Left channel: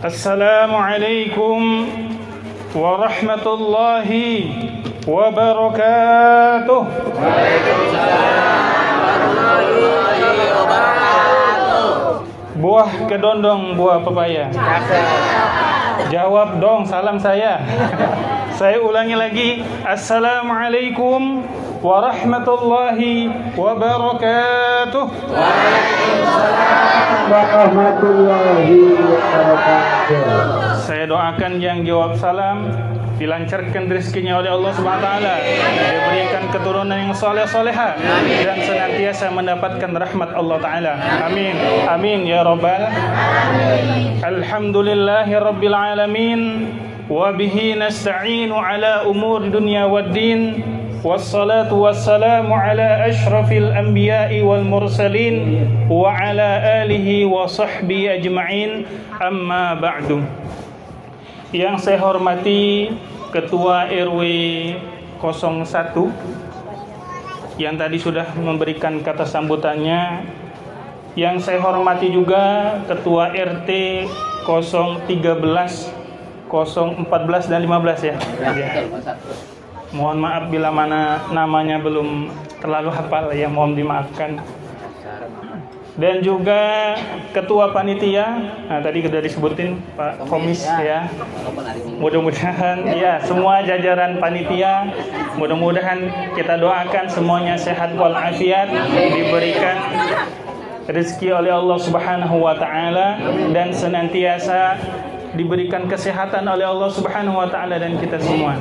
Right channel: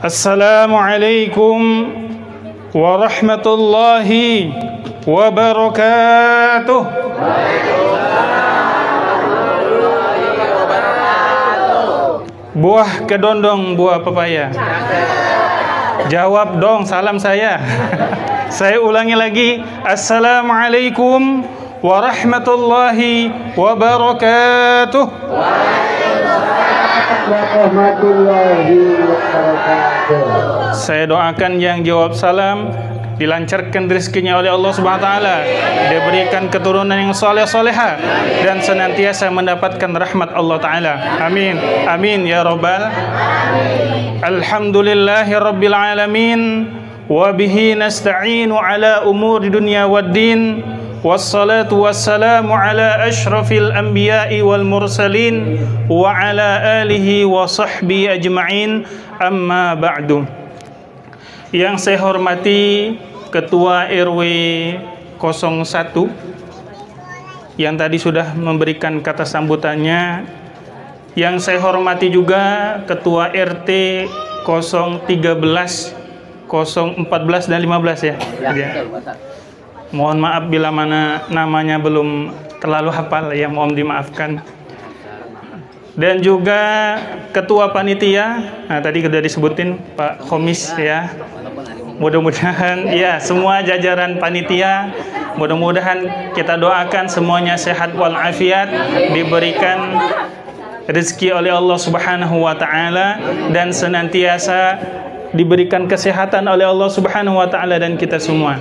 Assalamualaikum warahmatullahi wabarakatuh. Buah kedondong, buah pepaya. Jawab dong salam saya. Saya ulangi lagi. Assalamualaikum warahmatullahi wabarakatuh. Saya doakan yang jawab salam dilancarkan rezekinya oleh Allah Subhanahu wa taala, diberikan keturunan yang saleh-salehah dan senantiasa mendapatkan rahmat Allah taala. Amin. Amin ya rabbal. Alhamdulillahirabbil alamin wa bihi nasta'inu ala umuri dunya waddin. Wassalatu wassalamu ala ashrafil anbiya'i wal mursalin wa ala alihi wa sahbihi ajma'in, amma ba'du. Yang saya hormati Ketua RW 01 yang tadi sudah memberikan kata sambutannya. Yang saya hormati juga Ketua RT 013, 014 dan 15 ya. Mohon maaf bila mana namanya belum terlalu hafal ya, mohon dimaafkan. Dan juga Ketua Panitia, nah tadi sudah disebutin Pak Komis ya. Mudah-mudahan ya semua jajaran panitia, mudah-mudahan kita doakan semuanya sehat walafiat, diberikan rezeki oleh Allah Subhanahu wa taala dan senantiasa diberikan kesehatan oleh Allah Subhanahu wa taala dan kita semua.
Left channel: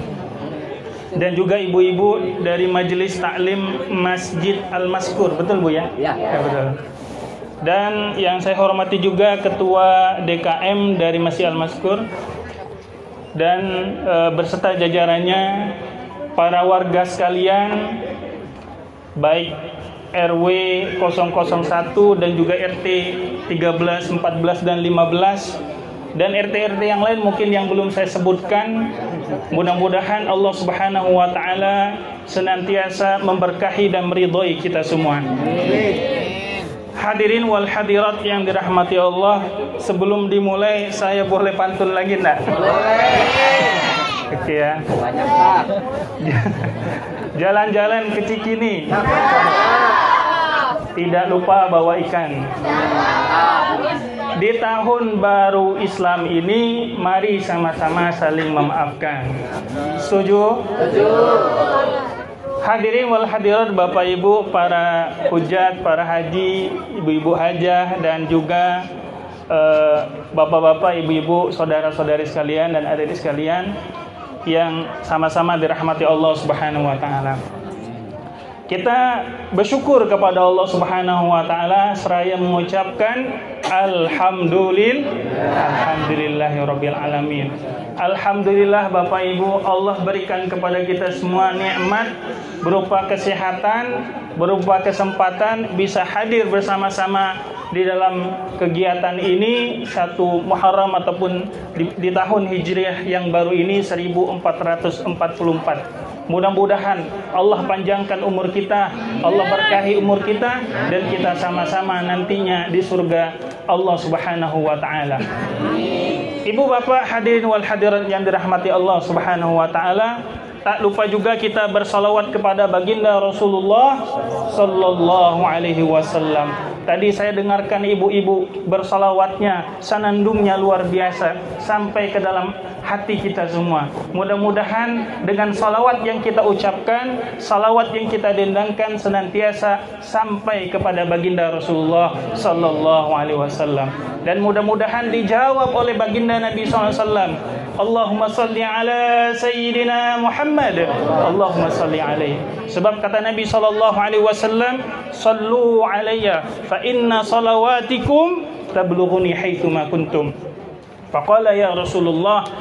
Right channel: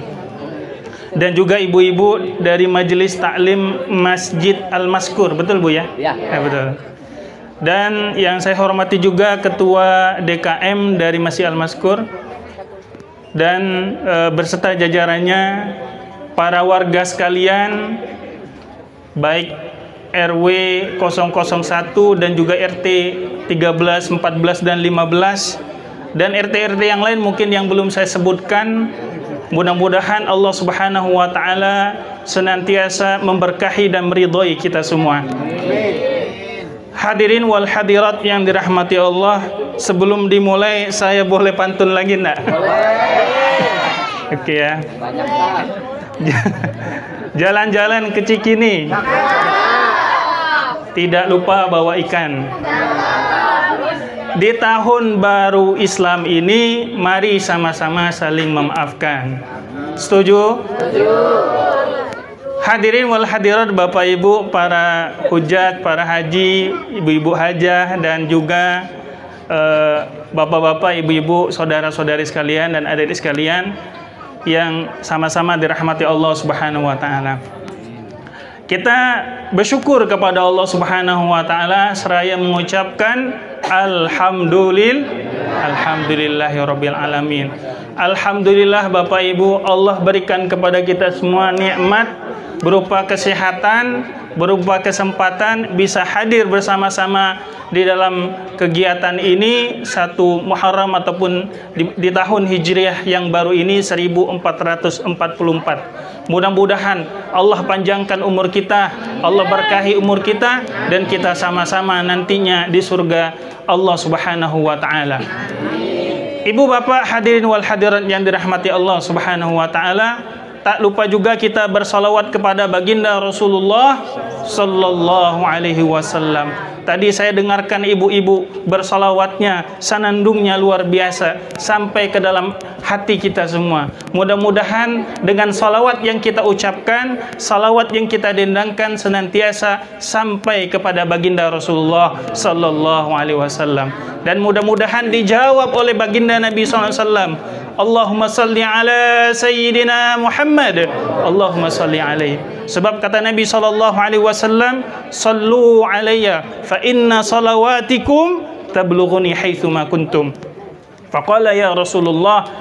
Dan juga ibu-ibu dari Majelis Taklim Masjid Al-Maskur, betul Bu ya? Ya, betul. Dan yang saya hormati juga Ketua DKM dari Masjid Al-Maskur dan berserta jajarannya, para warga sekalian, baik RW 001 dan juga RT 13, 14 dan 15 dan RT-RT yang lain mungkin yang belum saya sebutkan. Mudah-mudahan Allah Subhanahu wa taala senantiasa memberkahi dan meridhai kita semua. Hadirin wal hadirat yang dirahmati Allah, sebelum dimulai saya boleh pantun lagi enggak? Oke ya. Jalan-jalan ke Cikini, tidak lupa bawa ikan. Di tahun baru Islam ini, mari sama-sama saling memaafkan. Setuju? Setuju. Hadirin wal hadirat, Bapak Ibu, para hujat, para haji, ibu-ibu hajah, dan juga bapak-bapak, ibu-ibu, saudara-saudari sekalian dan adik sekalian yang sama-sama dirahmati Allah Subhanahu wa taala. Kita bersyukur kepada Allah Subhanahu wa taala seraya mengucapkan alhamdulillahirabbil alamin. Alhamdulillah Bapak Ibu, Allah berikan kepada kita semua nikmat berupa kesehatan, berupa kesempatan bisa hadir bersama-sama di dalam kegiatan ini 1 Muharram ataupun di tahun Hijriah yang baru ini 1444. Mudah-mudahan Allah panjangkan umur kita, Allah berkahi umur kita, dan kita sama-sama nantinya di surga Allah Subhanahu wa taala. Ibu bapak hadirin wal hadirat yang dirahmati Allah Subhanahu wa taala, tak lupa juga kita bersalawat kepada baginda Rasulullah sallallahu alaihi wasallam. Tadi saya dengarkan ibu-ibu bersalawatnya, sanandungnya luar biasa sampai ke dalam hati kita semua. Mudah-mudahan dengan salawat yang kita ucapkan, salawat yang kita dendangkan senantiasa sampai kepada baginda Rasulullah sallallahu alaihi wasallam. Dan mudah-mudahan dijawab oleh baginda Nabi sallallahu alaihi wasallam. Allahumma salli ala sayyidina Muhammad. Allahumma salli alaihi. Sebab kata Nabi sallallahu alaihi wasallam, sallu alayya fa inna salawatikum tablughuni haitsu ma kuntum. Faqala ya Rasulullah,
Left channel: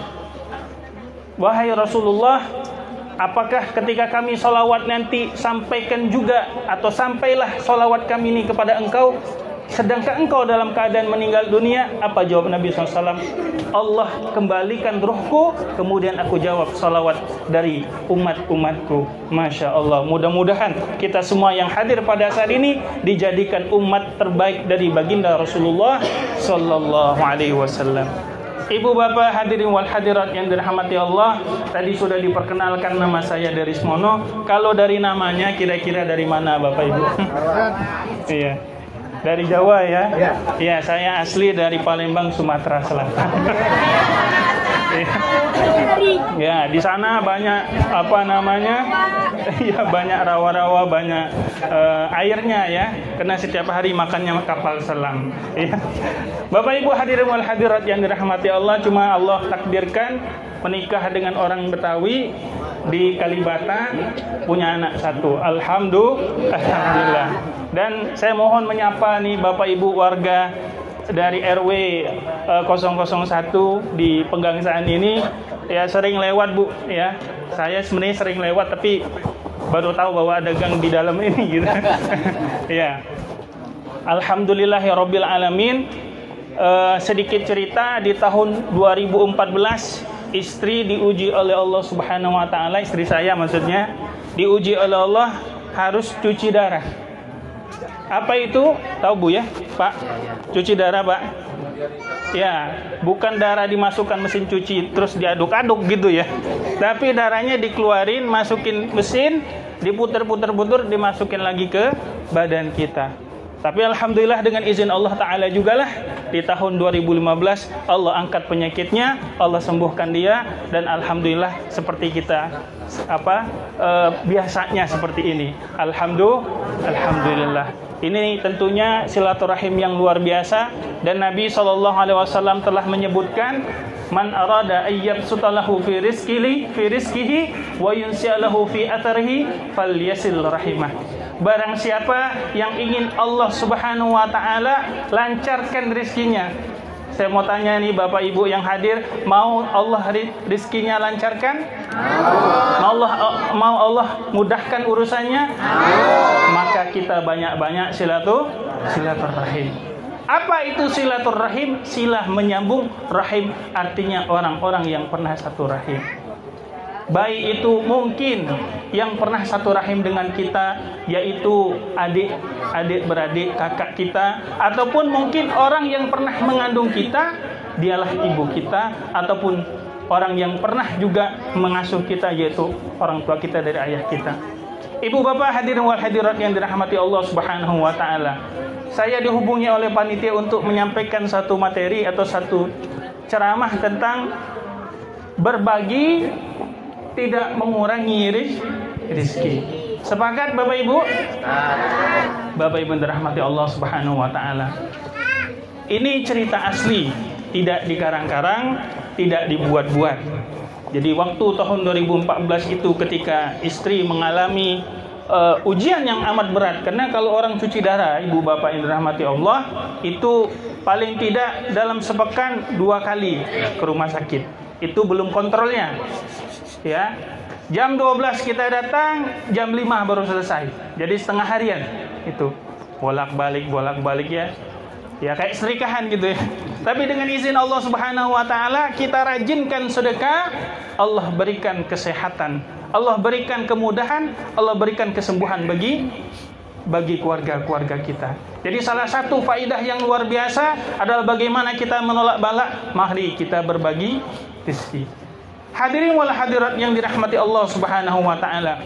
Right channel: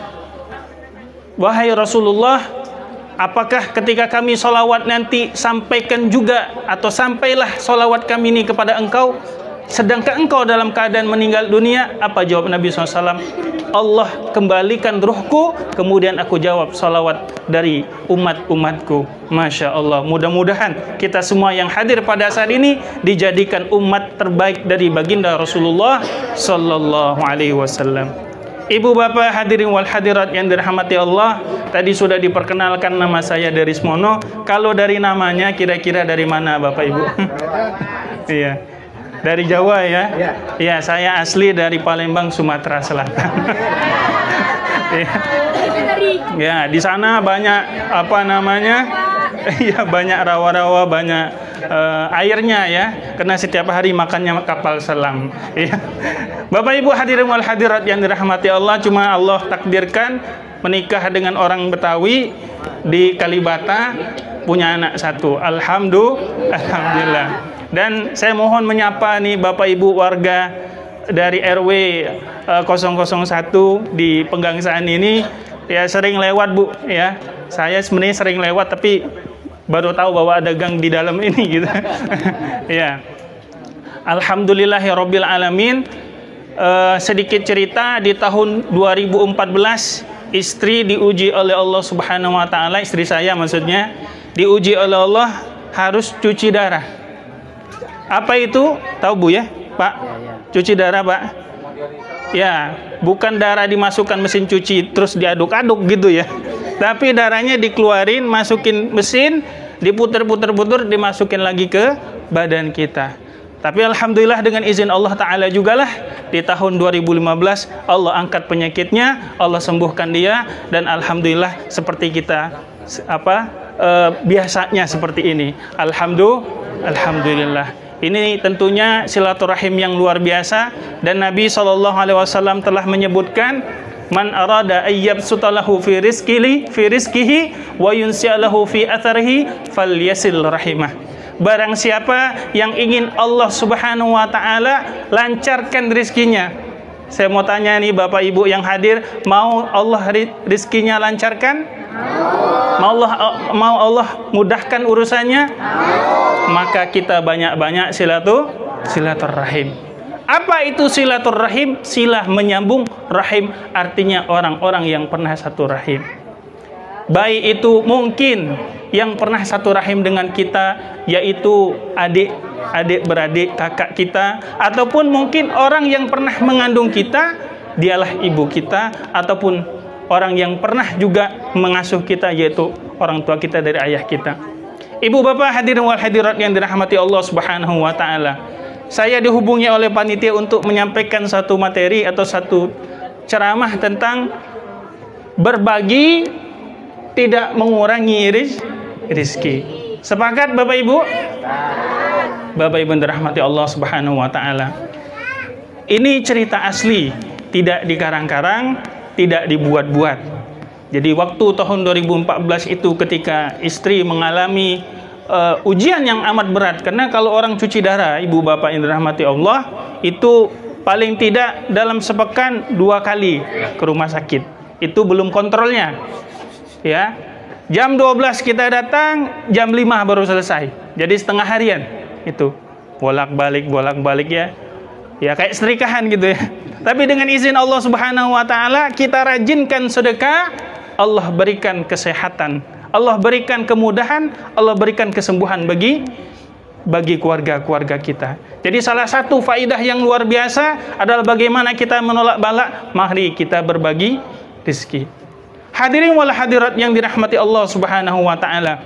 wahai Rasulullah, apakah ketika kami salawat nanti sampaikan juga atau sampailah salawat kami ini kepada engkau sedangkan engkau dalam keadaan meninggal dunia? Apa jawab Nabi SAW? Allah kembalikan ruhku, kemudian aku jawab salawat dari umat-umatku. Masya Allah. Mudah-mudahan kita semua yang hadir pada saat ini dijadikan umat terbaik dari baginda Rasulullah Sallallahu Alaihi Wasallam. Ibu bapak hadirin wal hadirat yang dirahmati Allah, tadi sudah diperkenalkan nama saya Darismono. Kalau dari namanya kira-kira dari mana Bapak Ibu? Iya. Dari Jawa ya? Iya, saya asli dari Palembang, Sumatera Selatan. Ya, di sana banyak apa namanya? Ya, banyak rawa-rawa, banyak airnya ya. Karena setiap hari makannya kapal selam. Ya. Bapak Ibu hadirin wal hadirat yang dirahmati Allah, cuma Allah takdirkan menikah dengan orang Betawi di Kalibata, punya anak satu. Alhamdulillah. Dan saya mohon menyapa nih Bapak Ibu warga dari RW 001 di Pegangsaan ini, ya sering lewat Bu ya. Saya sebenarnya sering lewat tapi baru tahu bahwa ada gang di dalam ini gitu. Ya. Alhamdulillahirabbil alamin. Sedikit cerita, di tahun 2014 istri diuji oleh Allah Subhanahu wa taala, istri saya maksudnya, diuji oleh Allah harus cuci darah. Apa itu? Tahu Bu ya, Pak? Cuci darah, Pak? Ya, bukan darah dimasukkan mesin cuci terus diaduk-aduk gitu ya. Tapi darahnya dikeluarin, masukin mesin, diputer-puter-puter, dimasukin lagi ke badan kita. Tapi alhamdulillah dengan izin Allah Ta'ala jugalah di tahun 2015 Allah angkat penyakitnya, Allah sembuhkan dia, dan alhamdulillah seperti kita biasanya seperti ini. Alhamdulillah. Ini tentunya silaturahim yang luar biasa, dan Nabi SAW telah menyebutkan, man arada ayyabsutalahu fi rizqihi wa yunsi'alahu fi atharihi falyasil rahimah. Barang siapa yang ingin Allah Subhanahu wa taala lancarkan rizkinya. Saya mau tanya nih Bapak Ibu yang hadir, mau Allah rizkinya lancarkan? Mau Allah mudahkan urusannya? Maka kita banyak-banyak silaturahim. Apa itu silaturahim? Silah menyambung, rahim artinya orang-orang yang pernah satu rahim. Baik itu mungkin yang pernah satu rahim dengan kita, yaitu adik beradik, kakak kita, ataupun mungkin orang yang pernah mengandung kita, dialah ibu kita, ataupun orang yang pernah juga mengasuh kita, yaitu orang tua kita dari ayah kita. Ibu bapak hadirin wal hadirat yang dirahmati Allah Subhanahu wa taala. Saya dihubungi oleh panitia untuk menyampaikan satu materi atau satu ceramah tentang berbagi tidak mengurangi rizki. Sepakat Bapak Ibu? Bapak Ibu dirahmati Allah Subhanahu wa taala. Ini cerita asli, tidak dikarang-karang, tidak dibuat-buat. Jadi waktu tahun 2014 itu ketika istri mengalami ujian yang amat berat, karena kalau orang cuci darah, Ibu Bapak yang dirahmati Allah, itu paling tidak dalam sepekan 2 kali ke rumah sakit. Itu belum kontrolnya. Ya. Jam 12 kita datang, jam 5 baru selesai. Jadi setengah harian itu. Bolak-balik ya. Ya kayak serikahan gitu ya. Tapi dengan izin Allah Subhanahu wa taala, kita rajinkan sedekah, Allah berikan kesehatan, Allah berikan kemudahan, Allah berikan kesembuhan bagi keluarga-keluarga kita. Jadi salah satu faidah yang luar biasa adalah bagaimana kita menolak bala. Mari kita berbagi rezeki. Hadirin wal hadirat yang dirahmati Allah Subhanahu wa taala.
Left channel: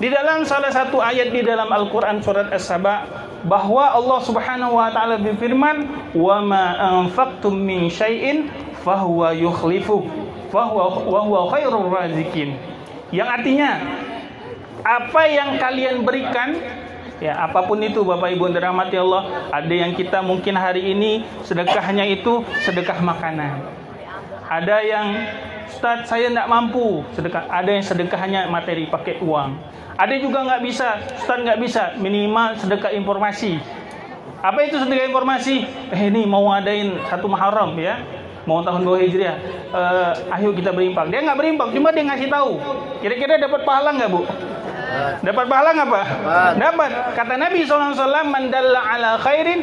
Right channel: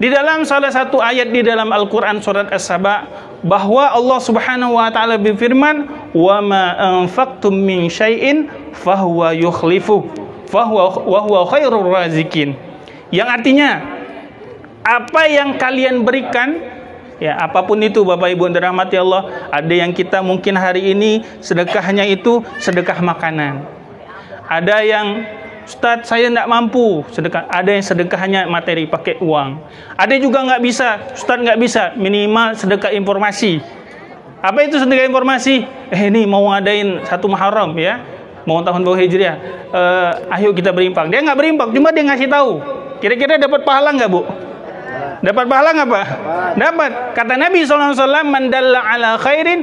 Di dalam salah satu ayat di dalam Al-Qur'an surat As-Saba, bahwa Allah Subhanahu wa taala berfirman, "Wa ma anfaqtum min syai'in fahuwa yukhlifu wa huwa khairur razikin." Yang artinya, apa yang kalian berikan, ya apapun itu Bapak Ibu dirahmati Allah, ada yang kita mungkin hari ini sedekahnya itu sedekah makanan. Ada yang, Ustadz saya tidak mampu sedekah. Ada yang sedekahnya materi pakai uang. Ada juga nggak bisa, Ustadz nggak bisa, minimal sedekah informasi. Apa itu sedekah informasi? Ini mau ngadain 1 Muharram ya, mau tahun baru Hijriah. Ayo kita berimpak. Dia nggak berimpak, cuma dia ngasih tahu. Kira-kira dapat pahala nggak Bu? Dapat pahala nggak Pak? Dapat. Kata Nabi SAW, man dalla ala khairin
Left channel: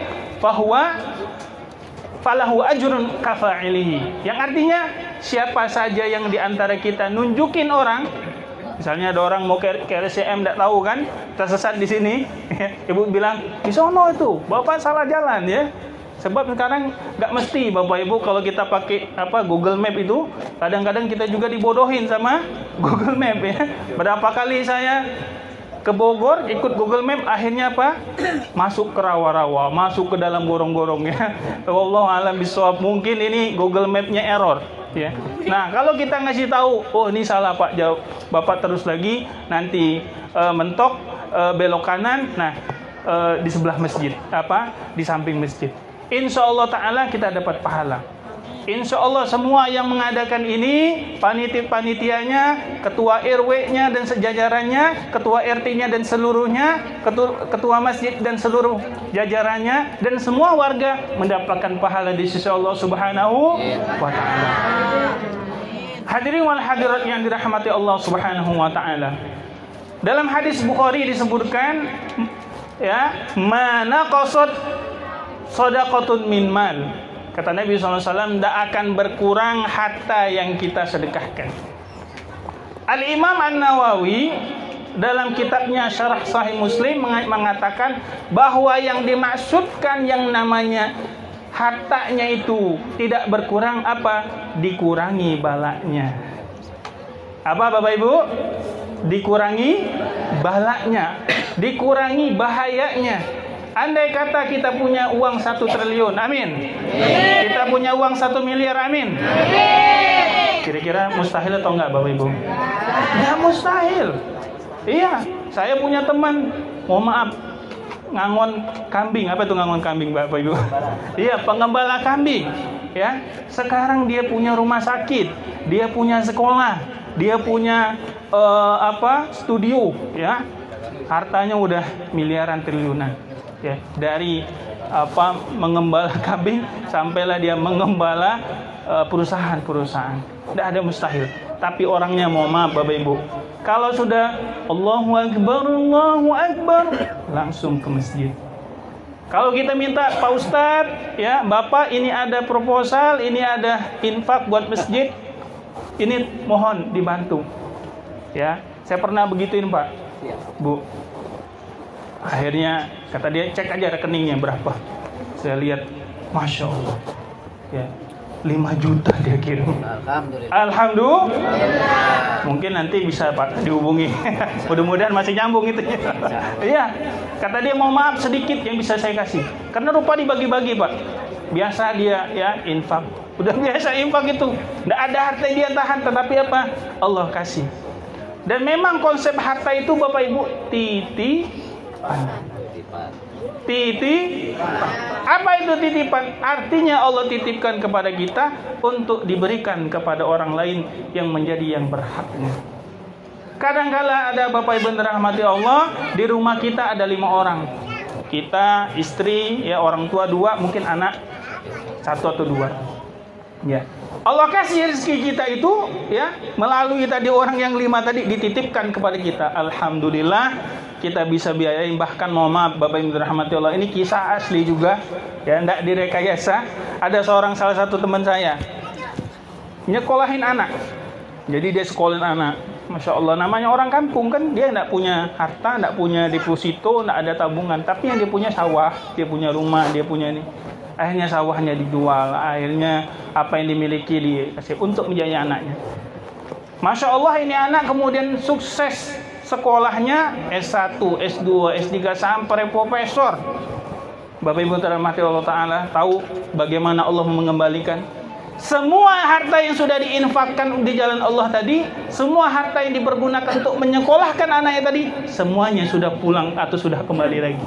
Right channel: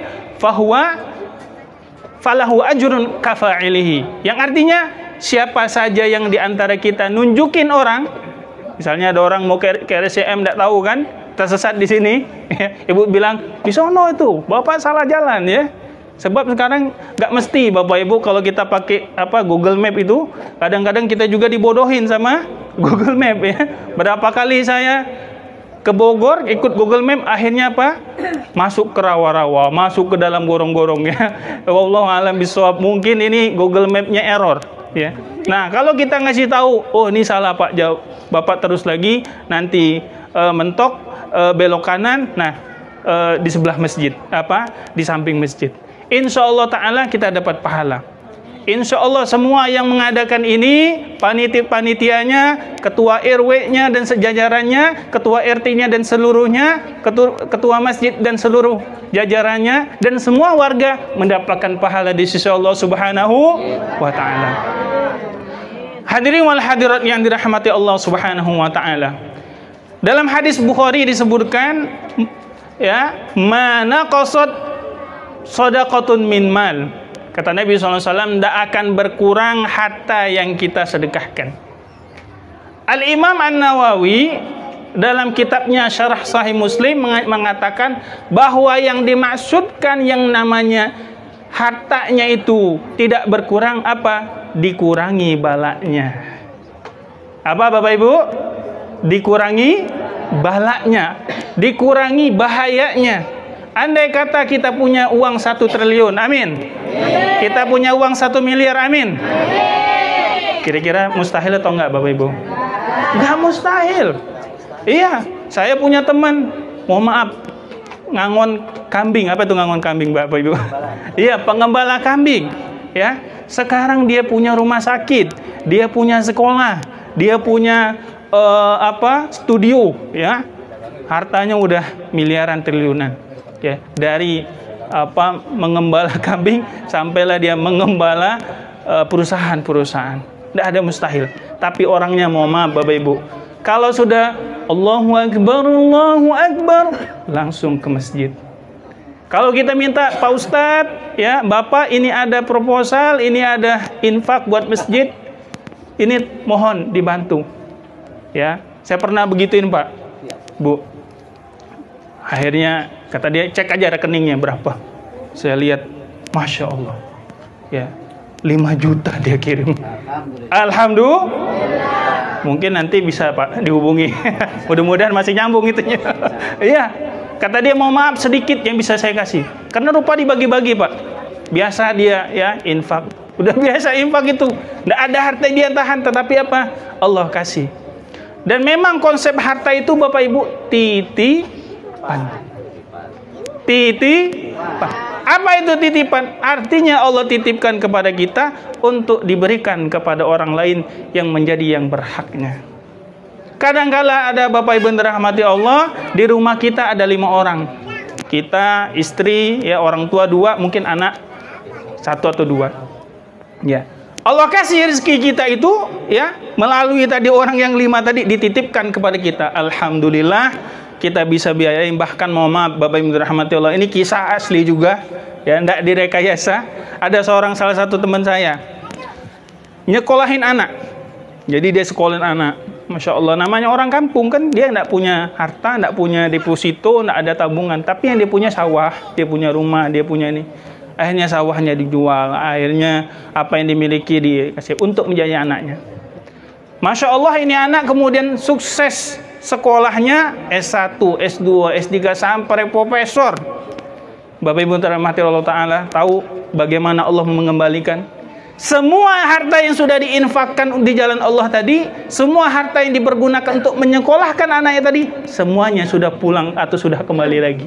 falahu ajrun kafa'ilihi. Yang artinya, siapa saja yang diantara kita nunjukin orang, misalnya ada orang mau ke RSCM tidak tahu kan, tersesat di sini, Ibu bilang di sono itu Bapak salah jalan ya, Sebab sekarang nggak mesti Bapak Ibu kalau kita pakai Google Map itu, kadang-kadang kita juga dibodohin sama Google Map ya. Berapa kali saya ke Bogor ikut Google Map, akhirnya masuk ke rawa-rawa, masuk ke dalam gorong-gorong ya. Wallahu a'lam bishawab, mungkin ini Google Map-nya error ya. Nah, kalau kita ngasih tahu, oh ini salah Pak, jauh Bapak terus lagi, nanti mentok belok kanan, nah di sebelah masjid, di samping masjid. Insya Allah Ta'ala kita dapat pahala. Insya Allah semua yang mengadakan ini, panitianya, ketua RW-nya dan sejajarannya, ketua RT-nya dan seluruhnya, ketua masjid dan seluruh jajarannya, dan semua warga mendapatkan pahala di sisi Allah Subhanahu wa Ta'ala. Hadirin wal hadirat yang dirahmati Allah Subhanahu wa Ta'ala. Dalam hadis Bukhari disebutkan, ya, mana qasad shadaqatun min mal. Kata Nabi SAW, tidak akan berkurang harta yang kita sedekahkan. Al-Imam An-Nawawi dalam kitabnya Syarah Sahih Muslim mengatakan bahwa yang dimaksudkan yang namanya hartanya itu tidak berkurang dikurangi balaknya. Apa Bapak Ibu? Dikurangi balaknya, dikurangi bahayanya. Andai kata kita punya uang 1 triliun, amin. Kita punya uang 1 miliar, amin. Kira-kira mustahil atau enggak Bapak Ibu? Enggak mustahil. Iya, saya punya teman, mohon maaf, ngangon kambing. Apa itu ngangon kambing Bapak Ibu? Iya, pengembala kambing. Ya, sekarang dia punya rumah sakit, dia punya sekolah, dia punya studio, ya. Hartanya udah miliaran, triliunan. Ya, dari mengembala kambing sampailah dia mengembala perusahaan-perusahaan. Tidak ada mustahil. Tapi orangnya mohon maaf Bapak Ibu, kalau sudah Allahu Akbar langsung ke masjid. Kalau kita minta Pak Ustadz, ya Bapak, ini ada proposal, ini ada infak buat masjid, ini mohon dibantu. Ya, saya pernah begituin Pak, Bu. Akhirnya kata dia, cek aja rekeningnya berapa. Saya lihat, Masya Allah, ya 5 juta dia kirim. Alhamdulillah. Mungkin nanti bisa Pak dihubungi. Mudah-mudahan masih nyambung itunya. Iya, kata dia mau maaf sedikit yang bisa saya kasih. Karena rupa dibagi-bagi Pak. Biasa dia ya infak. Udah biasa infak itu. Nggak ada harta dia tahan, tetapi Allah kasih. Dan memang konsep harta itu Bapak Ibu titipan. Apa itu titipan? Artinya Allah titipkan kepada kita untuk diberikan kepada orang lain yang menjadi yang berhaknya. Kadang-kala ada Bapak Ibu dirahmati Allah, di rumah kita ada 5 orang. Kita, istri, ya orang tua 2, mungkin anak 1 atau 2. Ya. Allah kasih rezeki kita itu ya melalui tadi orang yang 5 tadi dititipkan kepada kita. Alhamdulillah kita bisa biayain, bahkan mohon maaf Bapak Ibu dirahmati Allah, ini kisah asli juga ya, tidak direkayasa. Ada salah satu teman saya nyekolahin anak, jadi dia sekolahin anak, Masya Allah, namanya orang kampung kan, dia tidak punya harta, tidak punya deposito, tidak ada tabungan, tapi yang dia punya sawah, dia punya rumah, dia punya ini. Akhirnya sawahnya dijual, akhirnya apa yang dimiliki dikasih untuk menjadi anaknya. Masya Allah, ini anak kemudian sukses sekolahnya S1, S2, S3 sampai profesor. Bapak Ibu dirahmati Allah Ta'ala, tahu bagaimana Allah mengembalikan semua harta yang sudah diinfakkan di jalan Allah tadi, semua harta yang dipergunakan untuk menyekolahkan anaknya tadi, semuanya sudah pulang atau sudah kembali lagi.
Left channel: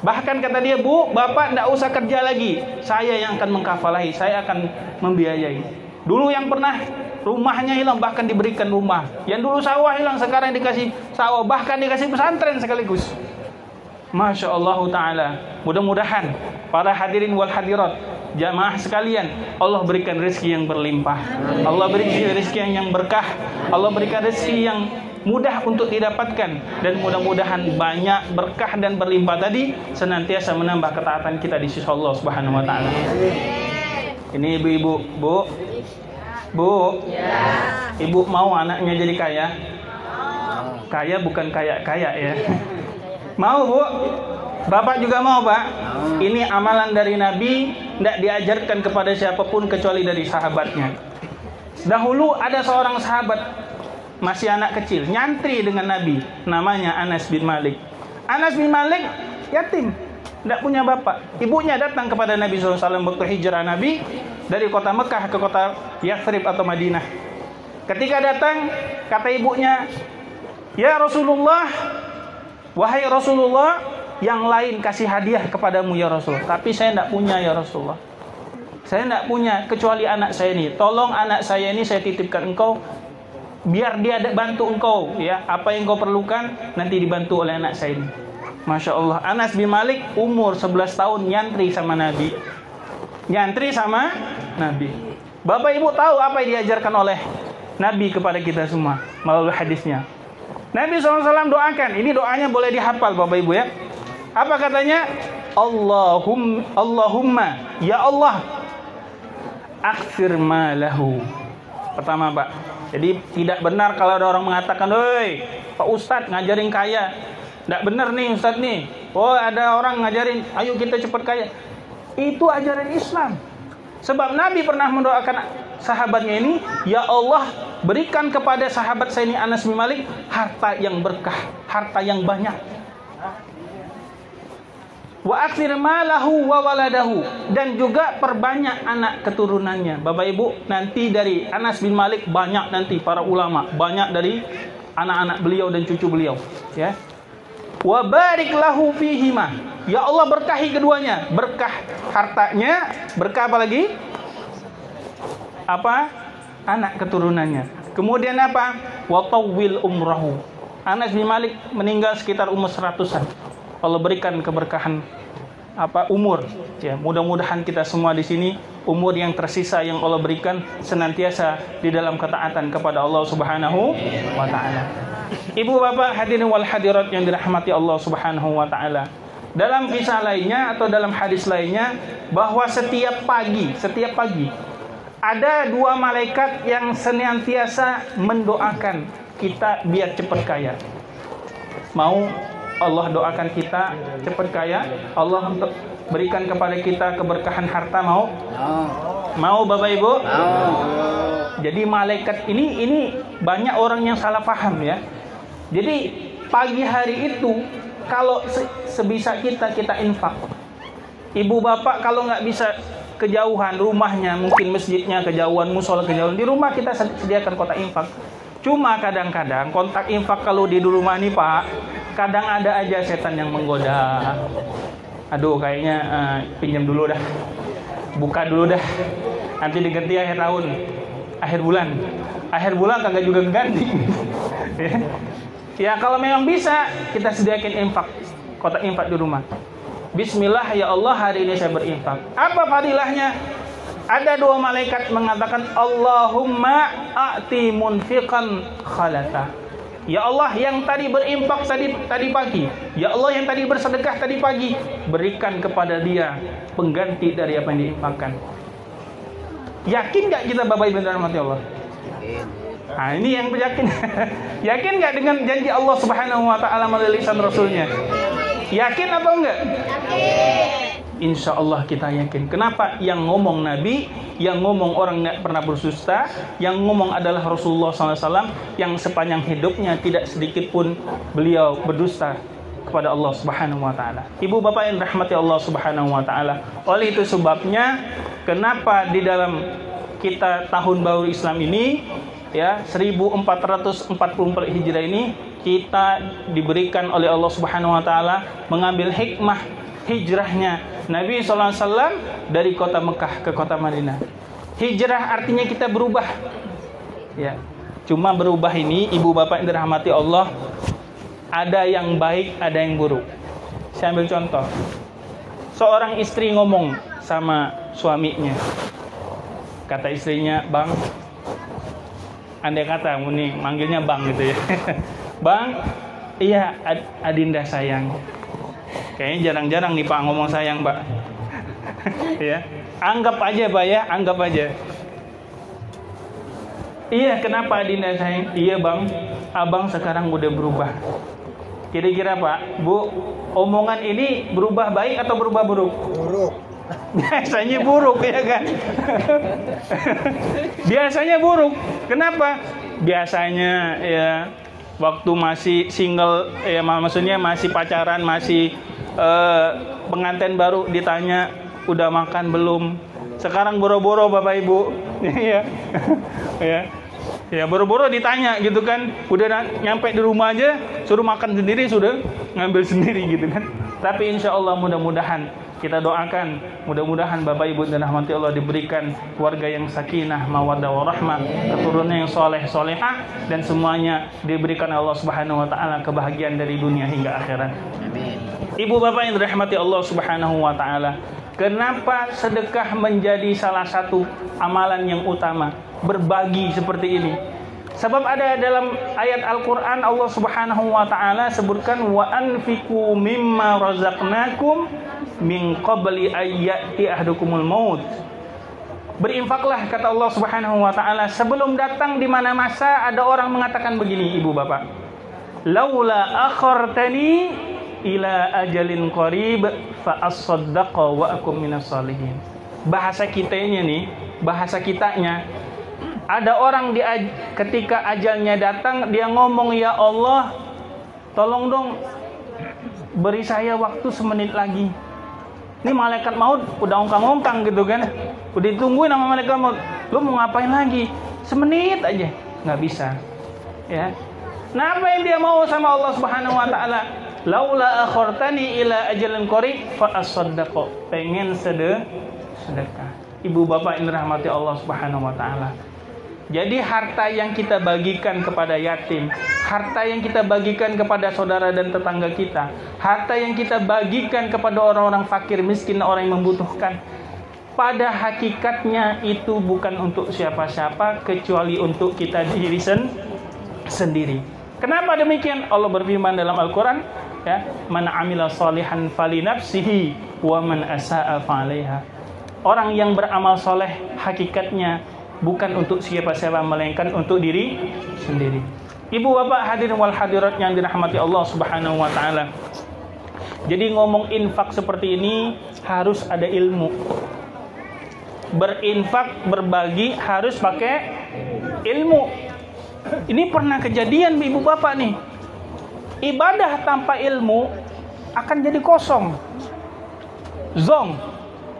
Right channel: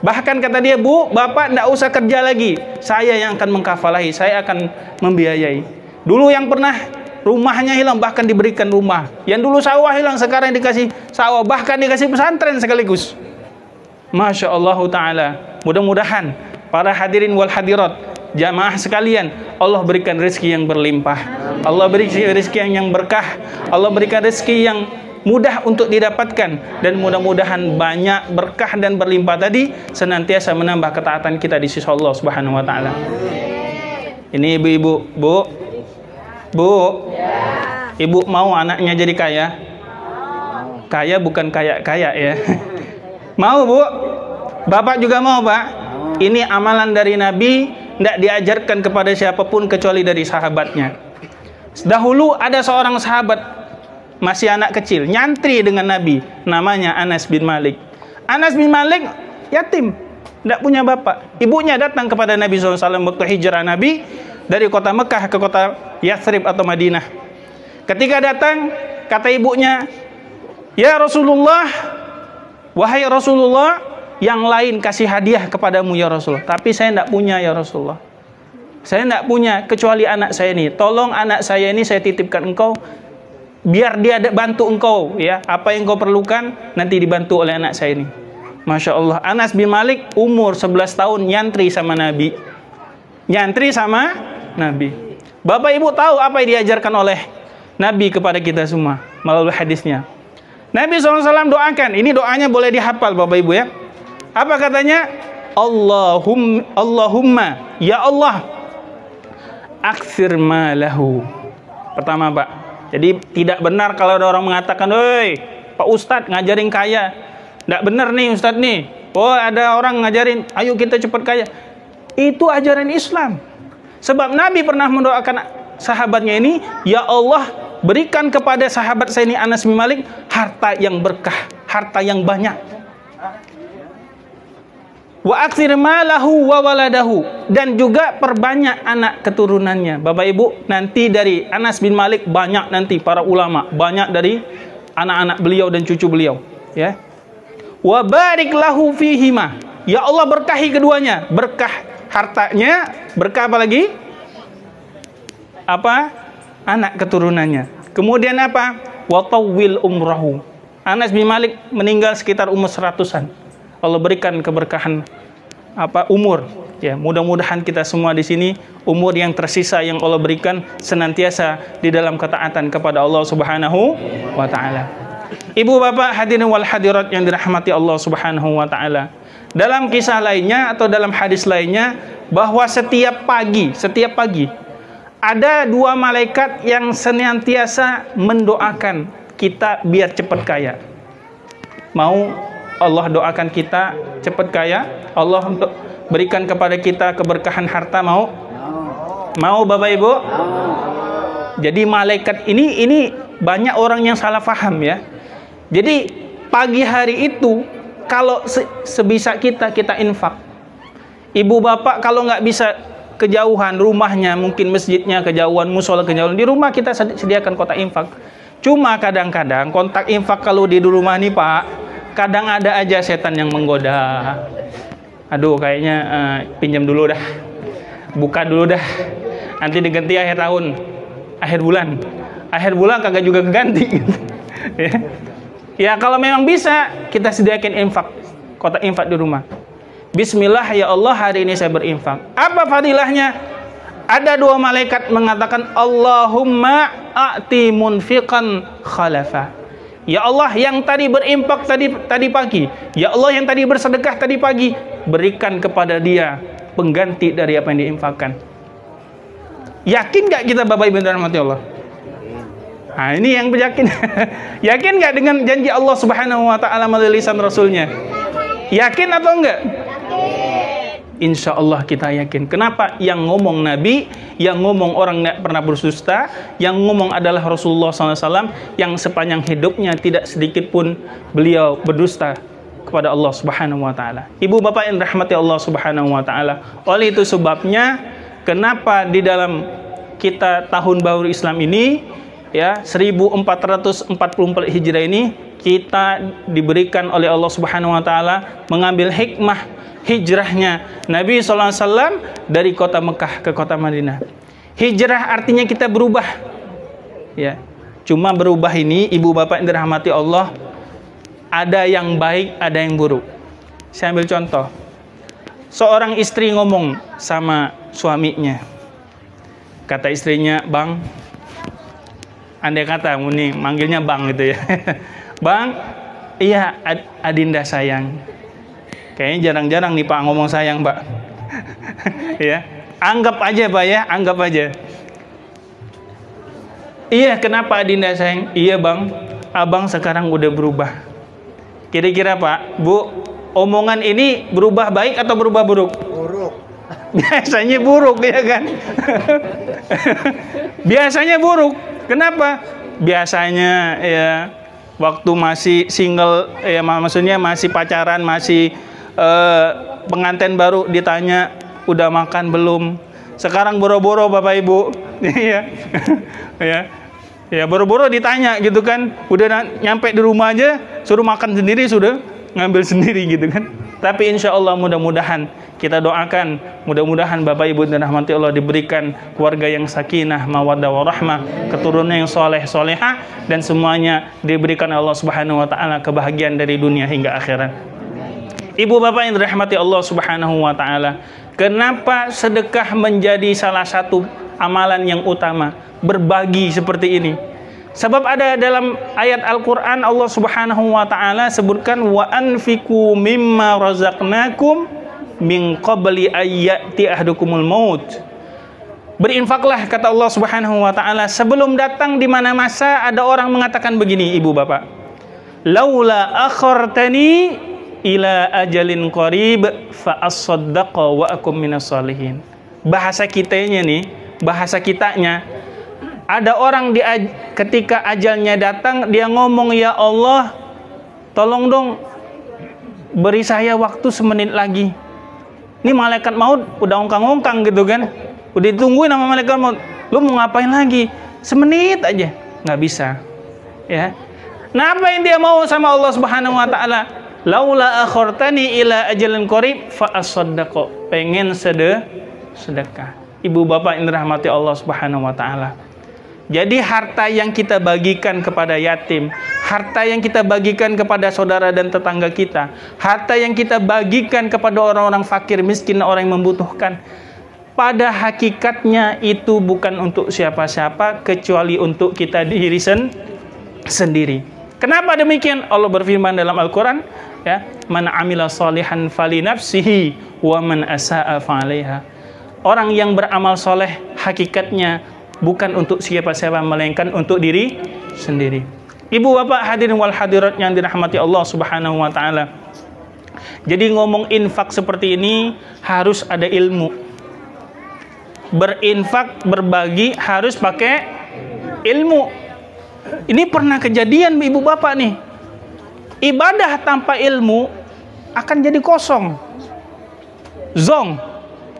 Bahkan kata dia, Bu, Bapak tidak usah kerja lagi, saya yang akan mengkafalahi, saya akan membiayai. Dulu yang pernah rumahnya hilang, bahkan diberikan rumah. Yang dulu sawah hilang, sekarang dikasih sawah, bahkan dikasih pesantren sekaligus. Masya Allah Ta'ala. Mudah-mudahan para hadirin wal hadirat, jamaah sekalian, Allah berikan rezeki yang berlimpah, Allah berikan rezeki yang berkah, Allah berikan rezeki yang mudah untuk didapatkan, dan mudah-mudahan banyak berkah dan berlimpah tadi senantiasa menambah ketaatan kita di sisi Allah Subhanahu wa Ta'ala. Ini ibu-ibu, Bu, Ibu mau anaknya jadi kaya? Kaya bukan kaya-kaya ya. Mau Bu? Bapak juga mau Pak? Ini amalan dari Nabi tidak diajarkan kepada siapapun kecuali dari sahabatnya. Dahulu ada seorang sahabat masih anak kecil, nyantri dengan Nabi, namanya Anas bin Malik. Anas bin Malik yatim, tidak punya bapak. Ibunya datang kepada Nabi SAW waktu hijrah Nabi dari kota Mekah ke kota Yathrib atau Madinah. Ketika datang, kata ibunya, "Ya Rasulullah, wahai Rasulullah, yang lain kasih hadiah kepadamu ya Rasul, tapi saya tidak punya ya Rasulullah. Saya tidak punya kecuali anak saya ini. Tolong anak saya ini saya titipkan engkau, biar dia bantu engkau ya. Apa yang engkau perlukan nanti dibantu oleh anak saya ini." Masya Allah, Anas bin Malik umur 11 tahun nyantri sama Nabi. Nyantri sama Nabi. Bapak Ibu tahu apa yang diajarkan oleh Nabi kepada kita semua melalui hadisnya. Nabi SAW doakan, ini doanya boleh dihafal Bapak Ibu ya. Apa katanya? Allahumma, ya Allah, aktsir malahu. Pertama Pak, jadi tidak benar kalau ada orang mengatakan, "Oi, Pak Ustadz ngajarin kaya." Tidak benar nih Ustadz nih. Oh, ada orang ngajarin, ayo kita cepat kaya. Itu ajaran Islam. Sebab Nabi pernah mendoakan sahabatnya ini, "Ya Allah, berikan kepada sahabat saya ini Anas bin Malik harta yang berkah, harta yang banyak. Wa aktsir malahu wa waladahu." Dan juga perbanyak anak keturunannya. Bapak Ibu, nanti dari Anas bin Malik banyak nanti para ulama, banyak dari anak-anak beliau dan cucu beliau, ya. Wa barik lahu fihima. Ya Allah, berkahi keduanya, berkah hartanya, berkah apa lagi? Apa? Anak keturunannya. Kemudian apa? Wa tawwil umrahu. Anas bin Malik meninggal sekitar umur 100-an. Allah berikan keberkahan umur. Ya, mudah-mudahan kita semua di sini umur yang tersisa yang Allah berikan senantiasa di dalam ketaatan kepada Allah Subhanahu wa taala. Ibu bapak hadirin wal hadirat yang dirahmati Allah Subhanahu wa taala. Dalam kisah lainnya atau dalam hadis lainnya bahwa setiap pagi ada 2 malaikat yang senantiasa mendoakan kita biar cepat kaya. Mau Allah doakan kita cepat kaya, Allah berikan kepada kita keberkahan harta, mau? Mau Bapak Ibu? Jadi malaikat ini banyak orang yang salah paham ya. Jadi pagi hari itu kalau sebisa kita infak. Ibu bapak kalau nggak bisa kejauhan rumahnya, mungkin masjidnya kejauhan, musola kejauhan, di rumah kita sediakan kotak infak. Cuma kadang-kadang kontak infak kalau di rumah nih Pak, kadang ada aja setan yang menggoda. Aduh kayaknya pinjam dulu dah, buka dulu dah, nanti diganti akhir tahun, akhir bulan kagak juga ganti. Ya kalau memang bisa kita sediakan infak, kotak infak di rumah. Bismillah ya Allah, hari ini saya berinfak. Apa fadilahnya? Ada 2 malaikat mengatakan, Allahumma a'ti munfiqan khalafa. Ya Allah, yang tadi berinfak tadi pagi, ya Allah yang tadi bersedekah tadi pagi, berikan kepada dia pengganti dari apa yang diinfakkan. Yakin gak kita Bapak Ibu dan rahmati Allah? Nah ini yang yakin. Yakin gak dengan janji Allah Subhanahu wa ta'ala melalui lisan Rasulnya? Yakin atau enggak? Insya Allah kita yakin. Kenapa? Yang ngomong Nabi, yang ngomong orang tidak pernah berdusta, yang ngomong adalah Rasulullah SAW, yang sepanjang hidupnya tidak sedikit pun beliau berdusta kepada Allah Subhanahu wa ta'ala. Ibu bapak yang rahmati Allah Subhanahu wa ta'ala. Oleh itu sebabnya kenapa di dalam kita tahun baru Islam ini, ya 1444 Hijrah ini, kita diberikan oleh Allah Subhanahu wa ta'ala mengambil hikmah hijrahnya Nabi SAW dari kota Mekah ke kota Madinah. Hijrah artinya kita berubah, ya. Cuma berubah ini ibu bapak yang dirahmati Allah, ada yang baik, ada yang buruk. Saya ambil contoh. Seorang istri ngomong sama suaminya, kata istrinya, "Bang," andai kata nih manggilnya Bang gitu ya. "Bang, iya Adinda sayang." Kayaknya jarang-jarang nih Pak ngomong sayang, Pak. Ya, anggap aja Pak ya, anggap aja. "Iya, kenapa Adinda sayang?" "Iya Bang, Abang sekarang udah berubah." Kira-kira Pak, Bu, omongan ini berubah baik atau berubah buruk? Buruk. biasanya buruk ya kan. Biasanya buruk. Kenapa? Biasanya ya waktu masih single ya, maksudnya masih pacaran, masih pengantin baru ditanya udah makan belum. Sekarang boro-boro Bapak Ibu. Iya. Ya boro-boro ditanya gitu kan. Udah nyampe di rumah aja suruh makan sendiri, sudah ngambil sendiri gitu kan. Tapi insya Allah mudah-mudahan kita doakan, mudah-mudahan Bapak Ibu dan rahmati Allah diberikan keluarga yang sakinah, mawaddah warahmah, keturunan yang soleh solehah, dan semuanya diberikan Allah Subhanahu Wa Taala kebahagiaan dari dunia hingga akhirat. Ibu bapak yang dirahmati Allah Subhanahu Wa Taala, kenapa sedekah menjadi salah satu amalan yang utama? Berbagi seperti ini. Sebab ada dalam ayat Al-Quran Allah Subhanahu Wa Taala sebutkan wa anfiqu mimma razaqnakum min qabli ayyati ahdukumul maut. Berinfaklah kata Allah Subhanahu Wa Taala sebelum datang di mana masa ada orang mengatakan begini, ibu bapak, laula akhartani ila ajalin qarib fa as-saddaqa wa akum minas salihin. Bahasa kitanya nih, bahasa kitanya, ada orang ketika ajalnya datang dia ngomong, ya Allah tolong dong beri saya waktu semenit lagi. Ini malaikat maut udah ongkang-ongkang gitu kan, udah ditungguin sama malaikat maut, lu mau ngapain lagi? Semenit aja. Nggak bisa ya. Nah apa yang dia mau sama Allah Subhanahu Wa Taala? Laula akhartani ila ajalin qarib fa as-saddaqa. Pengen sedekah. Ibu bapak yang dirahmati Allah Subhanahu Wa Taala, jadi harta yang kita bagikan kepada yatim, harta yang kita bagikan kepada saudara dan tetangga kita, harta yang kita bagikan kepada orang-orang fakir, miskin, orang yang membutuhkan, pada hakikatnya itu bukan untuk siapa-siapa kecuali untuk kita diri sendiri. Kenapa demikian? Allah berfirman dalam Al-Quran, ya, man amila salihan fali nafsihi wa man asa'a fa'alaiha. Orang yang beramal soleh hakikatnya bukan untuk siapa-siapa melainkan untuk diri sendiri. Ibu bapak hadirin wal hadirat yang dirahmati Allah Subhanahu Wa Taala. Jadi ngomong infak seperti ini harus ada ilmu. Berinfak, berbagi harus pakai ilmu. Ini pernah kejadian ibu bapak nih. Ibadah tanpa ilmu akan jadi kosong, zong.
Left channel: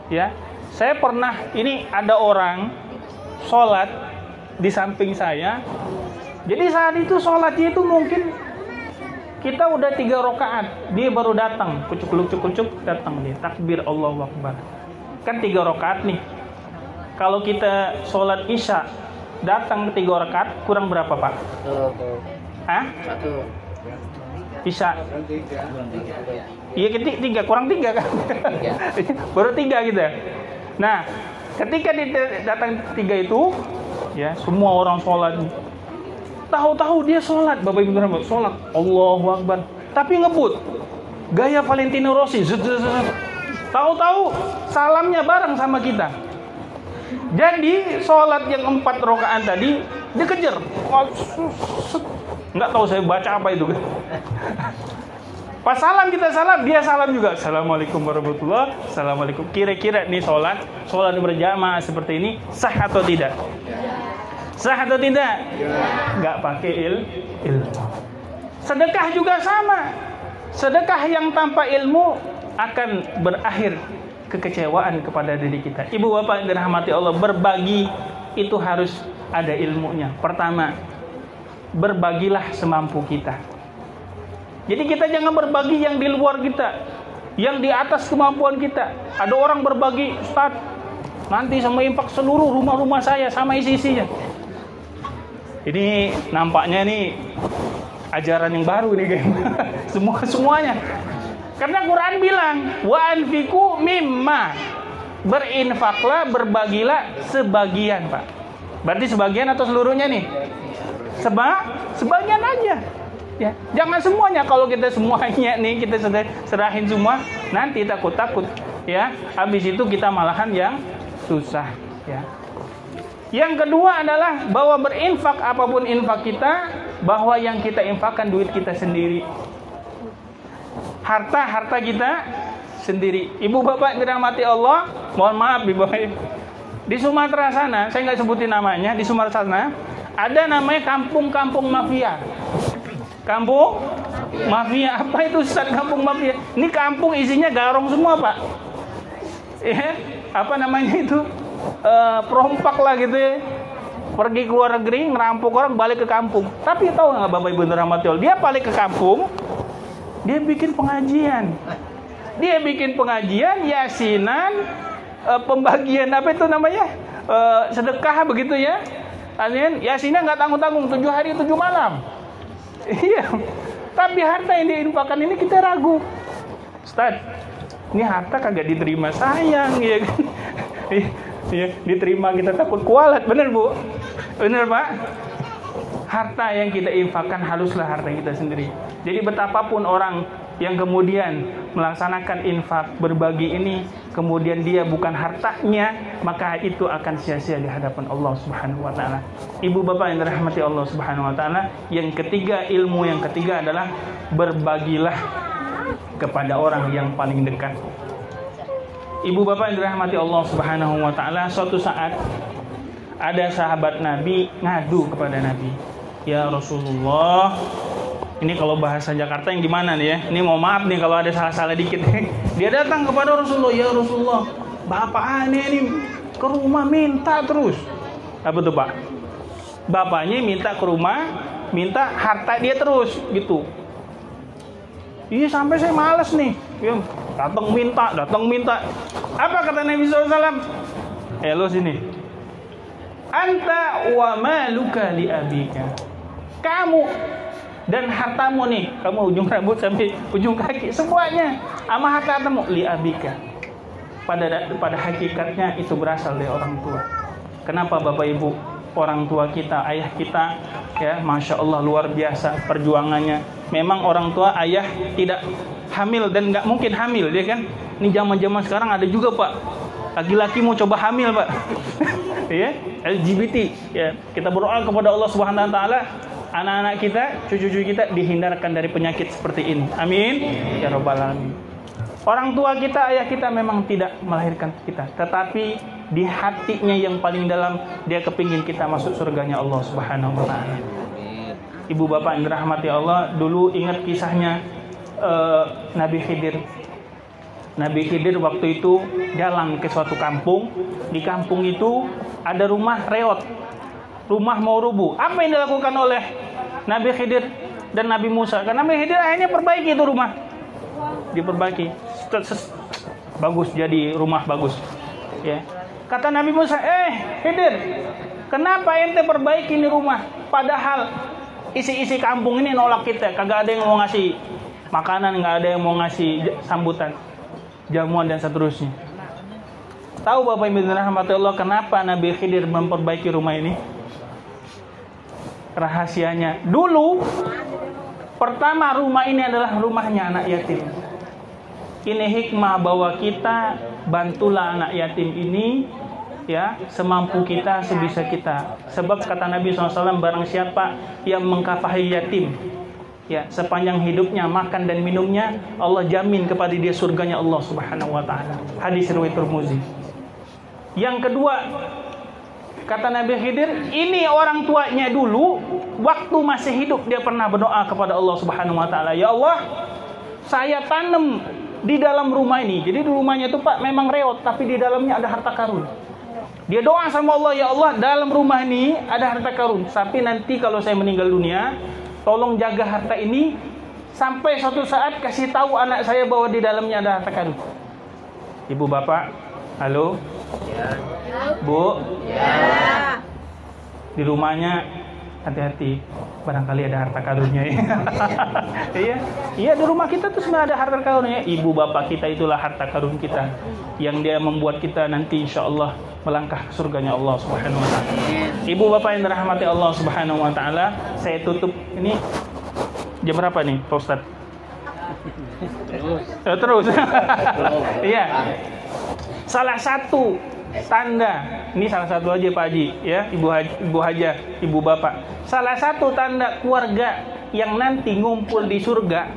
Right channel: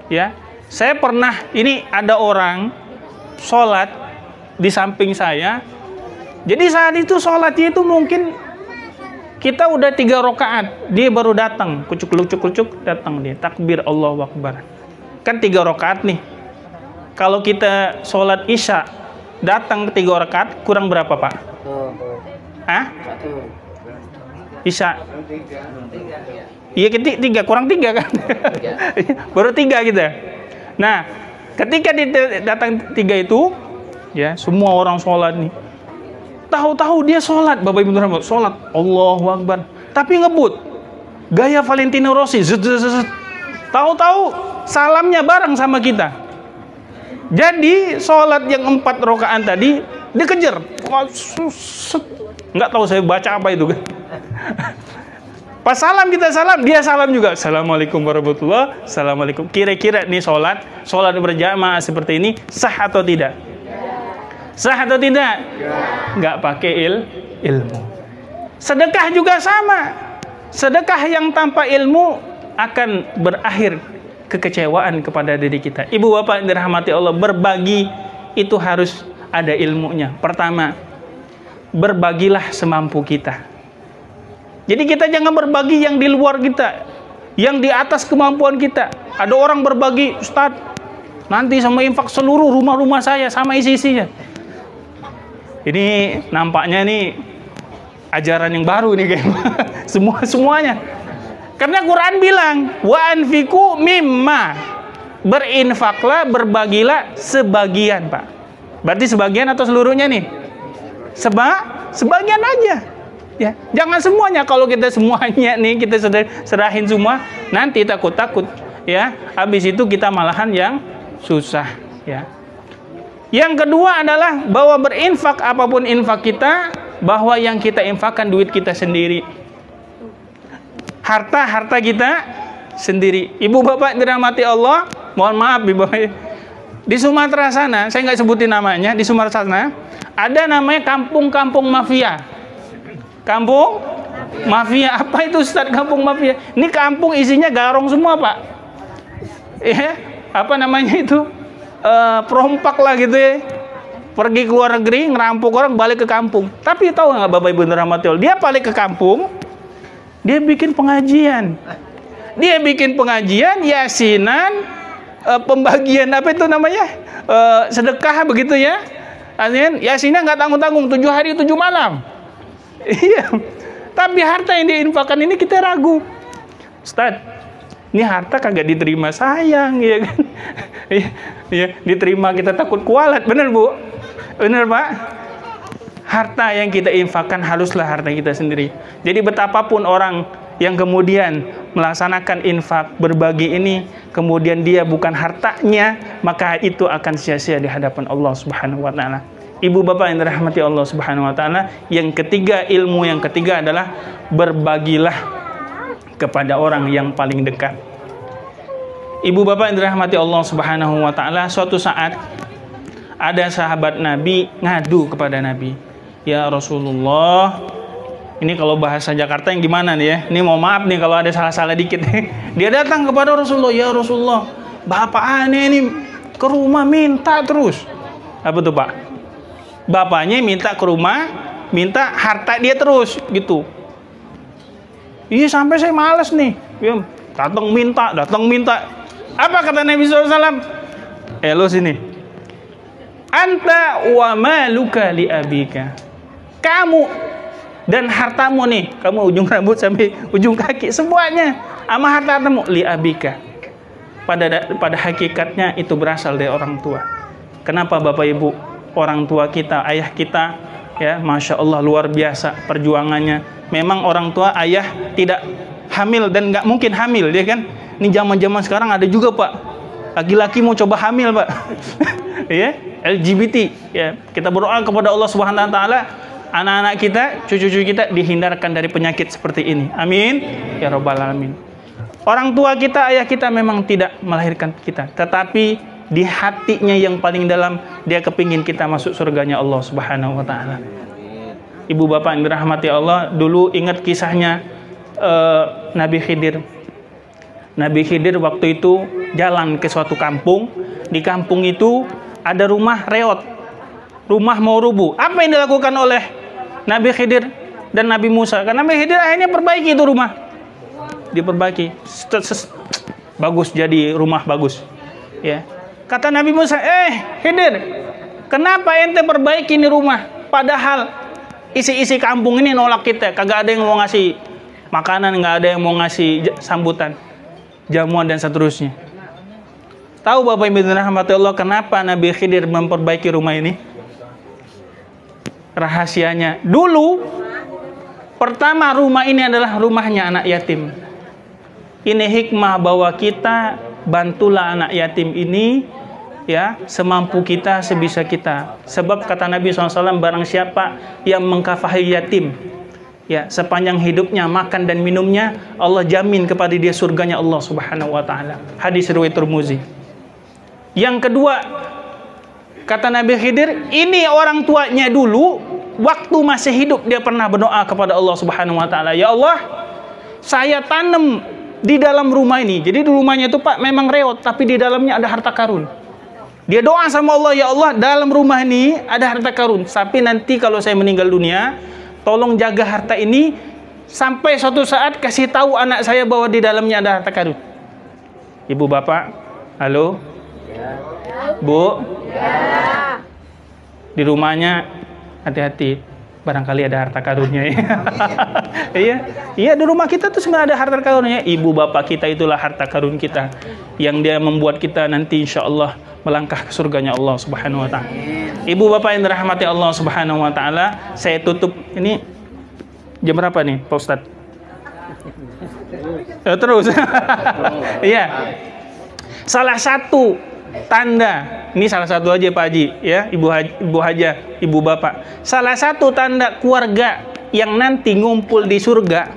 Ya, saya pernah, ini ada orang sholat di samping saya. Jadi saat itu sholatnya itu mungkin kita udah 3 rakaat, dia baru datang, kucuk-kucuk datang nih, takbir Allahu Akbar. Kan 3 rakaat nih. Kalau kita sholat isya datang 3 rakaat, kurang berapa Pak? Isya. Iya, 3 kurang 3 kan? Baru 3 kita. Nah, ketika datang 3 itu, ya semua orang sholat nih. Tahu-tahu dia sholat, Bapak Ibu Rahmat, sholat Allahu Akbar, tapi ngebut, gaya Valentino Rossi, tahu-tahu salamnya bareng sama kita. Jadi sholat yang 4 rakaat tadi dikejar, nggak tahu saya baca apa itu kan. Pas salam kita salam, dia salam juga. Assalamualaikum warahmatullahi wabarakatuh. Assalamualaikum. Kira-kira nih sholat berjamaah seperti ini sah atau tidak? Sah atau tidak? Nggak pakai ilmu. Sedekah juga sama. Sedekah yang tanpa ilmu akan berakhir kekecewaan kepada diri kita. Ibu bapak yang dirahmati Allah, berbagi itu harus ada ilmunya. Pertama, berbagilah semampu kita. Jadi kita jangan berbagi yang di luar kita, yang di atas kemampuan kita. Ada orang berbagi, Ustaz, nanti sama infak seluruh rumah-rumah saya sama isi-isinya. Ini nampaknya nih ajaran yang baru nih kayaknya. Semuanya. Karena Quran bilang, wa anfiqu mimma. Berinfaklah, berbagilah sebagian, Pak. Berarti sebagian atau seluruhnya nih? Sebagian aja. Ya, jangan semuanya. Kalau kita semuanya nih kita serahin semua, nanti takut ya. Habis itu kita malahan yang susah ya. Yang kedua adalah bahwa berinfak, apapun infak kita, bahwa yang kita infakkan duit kita sendiri. Harta kita sendiri. Ibu bapak dirahmati Allah, mohon maaf Ibu Bapak. Di Sumatera sana, saya nggak sebutin namanya, di Sumatera sana ada namanya kampung-kampung mafia. Kampung mafia, apa itu Ustaz kampung mafia? Ini kampung isinya garong semua Pak. Apa namanya itu? Perompak lah gitu ya. Pergi ke luar negeri, ngerampok orang, balik ke kampung. Tapi tahu nggak Bapak Ibu dirahmati Allah? Dia balik ke kampung, dia bikin pengajian. Dia bikin pengajian, yasinan, pembagian apa itu namanya? Sedekah begitu ya. Artinya yasinnya nggak tanggung-tanggung, 7 hari 7 malam. Iya. Tapi harta yang diinfakkan ini kita ragu. Ustaz, ini harta kagak diterima sayang ya kan. Iya, diterima kita takut kualat. Bener Bu? Bener Pak? Harta yang kita infakkan haruslah harta kita sendiri. Jadi betapapun orang yang kemudian melaksanakan infak berbagi ini, kemudian dia bukan hartanya, maka itu akan sia-sia di hadapan Allah Subhanahu wa taala. Ibu bapak yang dirahmati Allah Subhanahu wa taala, yang ketiga, ilmu yang ketiga adalah berbagilah kepada orang yang paling dekat. Ibu bapak yang dirahmati Allah Subhanahu wa taala, suatu saat ada sahabat Nabi ngadu kepada Nabi, "Ya Rasulullah," ini kalau bahasa Jakarta yang gimana nih ya? Ini mau maaf nih kalau ada salah-salah dikit. Dia datang kepada Rasulullah, "Ya Rasulullah, bapak aneh ini ke rumah minta terus." Apa tuh Pak? Bapaknya minta ke rumah, minta harta dia terus gitu. Iya sampai saya males nih. Datang minta. Apa kata Nabi SAW? Lo sini. Anta wa maluka li abika. Kamu dan hartamu nih, kamu ujung rambut sampai ujung kaki semuanya sama hartamu li abika. Pada hakikatnya itu berasal dari orang tua. Kenapa Bapak Ibu? Orang tua kita, ayah kita, ya, Masya Allah luar biasa perjuangannya. Memang orang tua ayah tidak hamil dan nggak mungkin hamil, dia kan. Ini zaman-zaman sekarang ada juga Pak, laki-laki mau coba hamil Pak. Ya, LGBT. Ya, kita berdoa kepada Allah Subhanahu Wa Taala, anak-anak kita, cucu-cucu kita dihindarkan dari penyakit seperti ini. Amin. Ya Rabbal Alamin. Orang tua kita, ayah kita memang tidak melahirkan kita, tetapi di hatinya yang paling dalam dia kepingin kita masuk surganya Allah Subhanahu wa taala. Ibu bapak yang dirahmati Allah, dulu ingat kisahnya Nabi Khidir. Nabi Khidir waktu itu jalan ke suatu kampung. Di kampung itu ada rumah reot. Rumah mau rubuh. Apa yang dilakukan oleh Nabi Khidir dan Nabi Musa? Karena Nabi Khidir akhirnya perbaiki itu rumah. Diperbaiki. Bagus, jadi rumah bagus. Ya. Kata Nabi Musa, Khidir, kenapa ente perbaiki ini rumah? Padahal isi-isi kampung ini nolak kita. Kagak ada yang mau ngasih makanan, nggak ada yang mau ngasih sambutan, jamuan dan seterusnya. Tahu Bapak Ibu rahmati Allah kenapa Nabi Khidir memperbaiki rumah ini? Rahasianya. Dulu, pertama rumah ini adalah rumahnya anak yatim. Ini hikmah bahwa kita bantulah anak yatim ini ya semampu kita, sebisa kita. Sebab kata Nabi SAW, barang siapa yang mengkafahi yatim ya sepanjang hidupnya, makan dan minumnya, Allah jamin kepada dia surganya Allah Subhanahu wa taala. Hadis riwayat Tirmizi. Yang kedua, kata Nabi Khidir, ini orang tuanya dulu waktu masih hidup dia pernah berdoa kepada Allah Subhanahu wa taala, "Ya Allah, saya tanam di dalam rumah ini." Jadi di rumahnya itu Pak memang reot, tapi di dalamnya ada harta karun. Dia doa sama Allah, "Ya Allah, dalam rumah ini ada harta karun. Tapi nanti kalau saya meninggal dunia, tolong jaga harta ini sampai suatu saat kasih tahu anak saya bahwa di dalamnya ada harta karun." Ibu bapak, halo, Bu, di rumahnya hati-hati. Barangkali ada harta karunnya ya. Iya di rumah kita tuh sebenarnya ada harta karunnya. Ibu bapak kita itulah harta karun kita, yang dia membuat kita nanti insya Allah melangkah ke surganya Allah Subhanahu wa taala. Ibu bapak yang dirahmati Allah Subhanahu wa taala, saya tutup ini jam berapa nih Pak Ustaz? Terus. Iya. Salah satu tanda, ini salah satu aja Pak Haji ya, Ibu Haja, Ibu Bapak. Salah satu tanda keluarga yang nanti ngumpul di surga,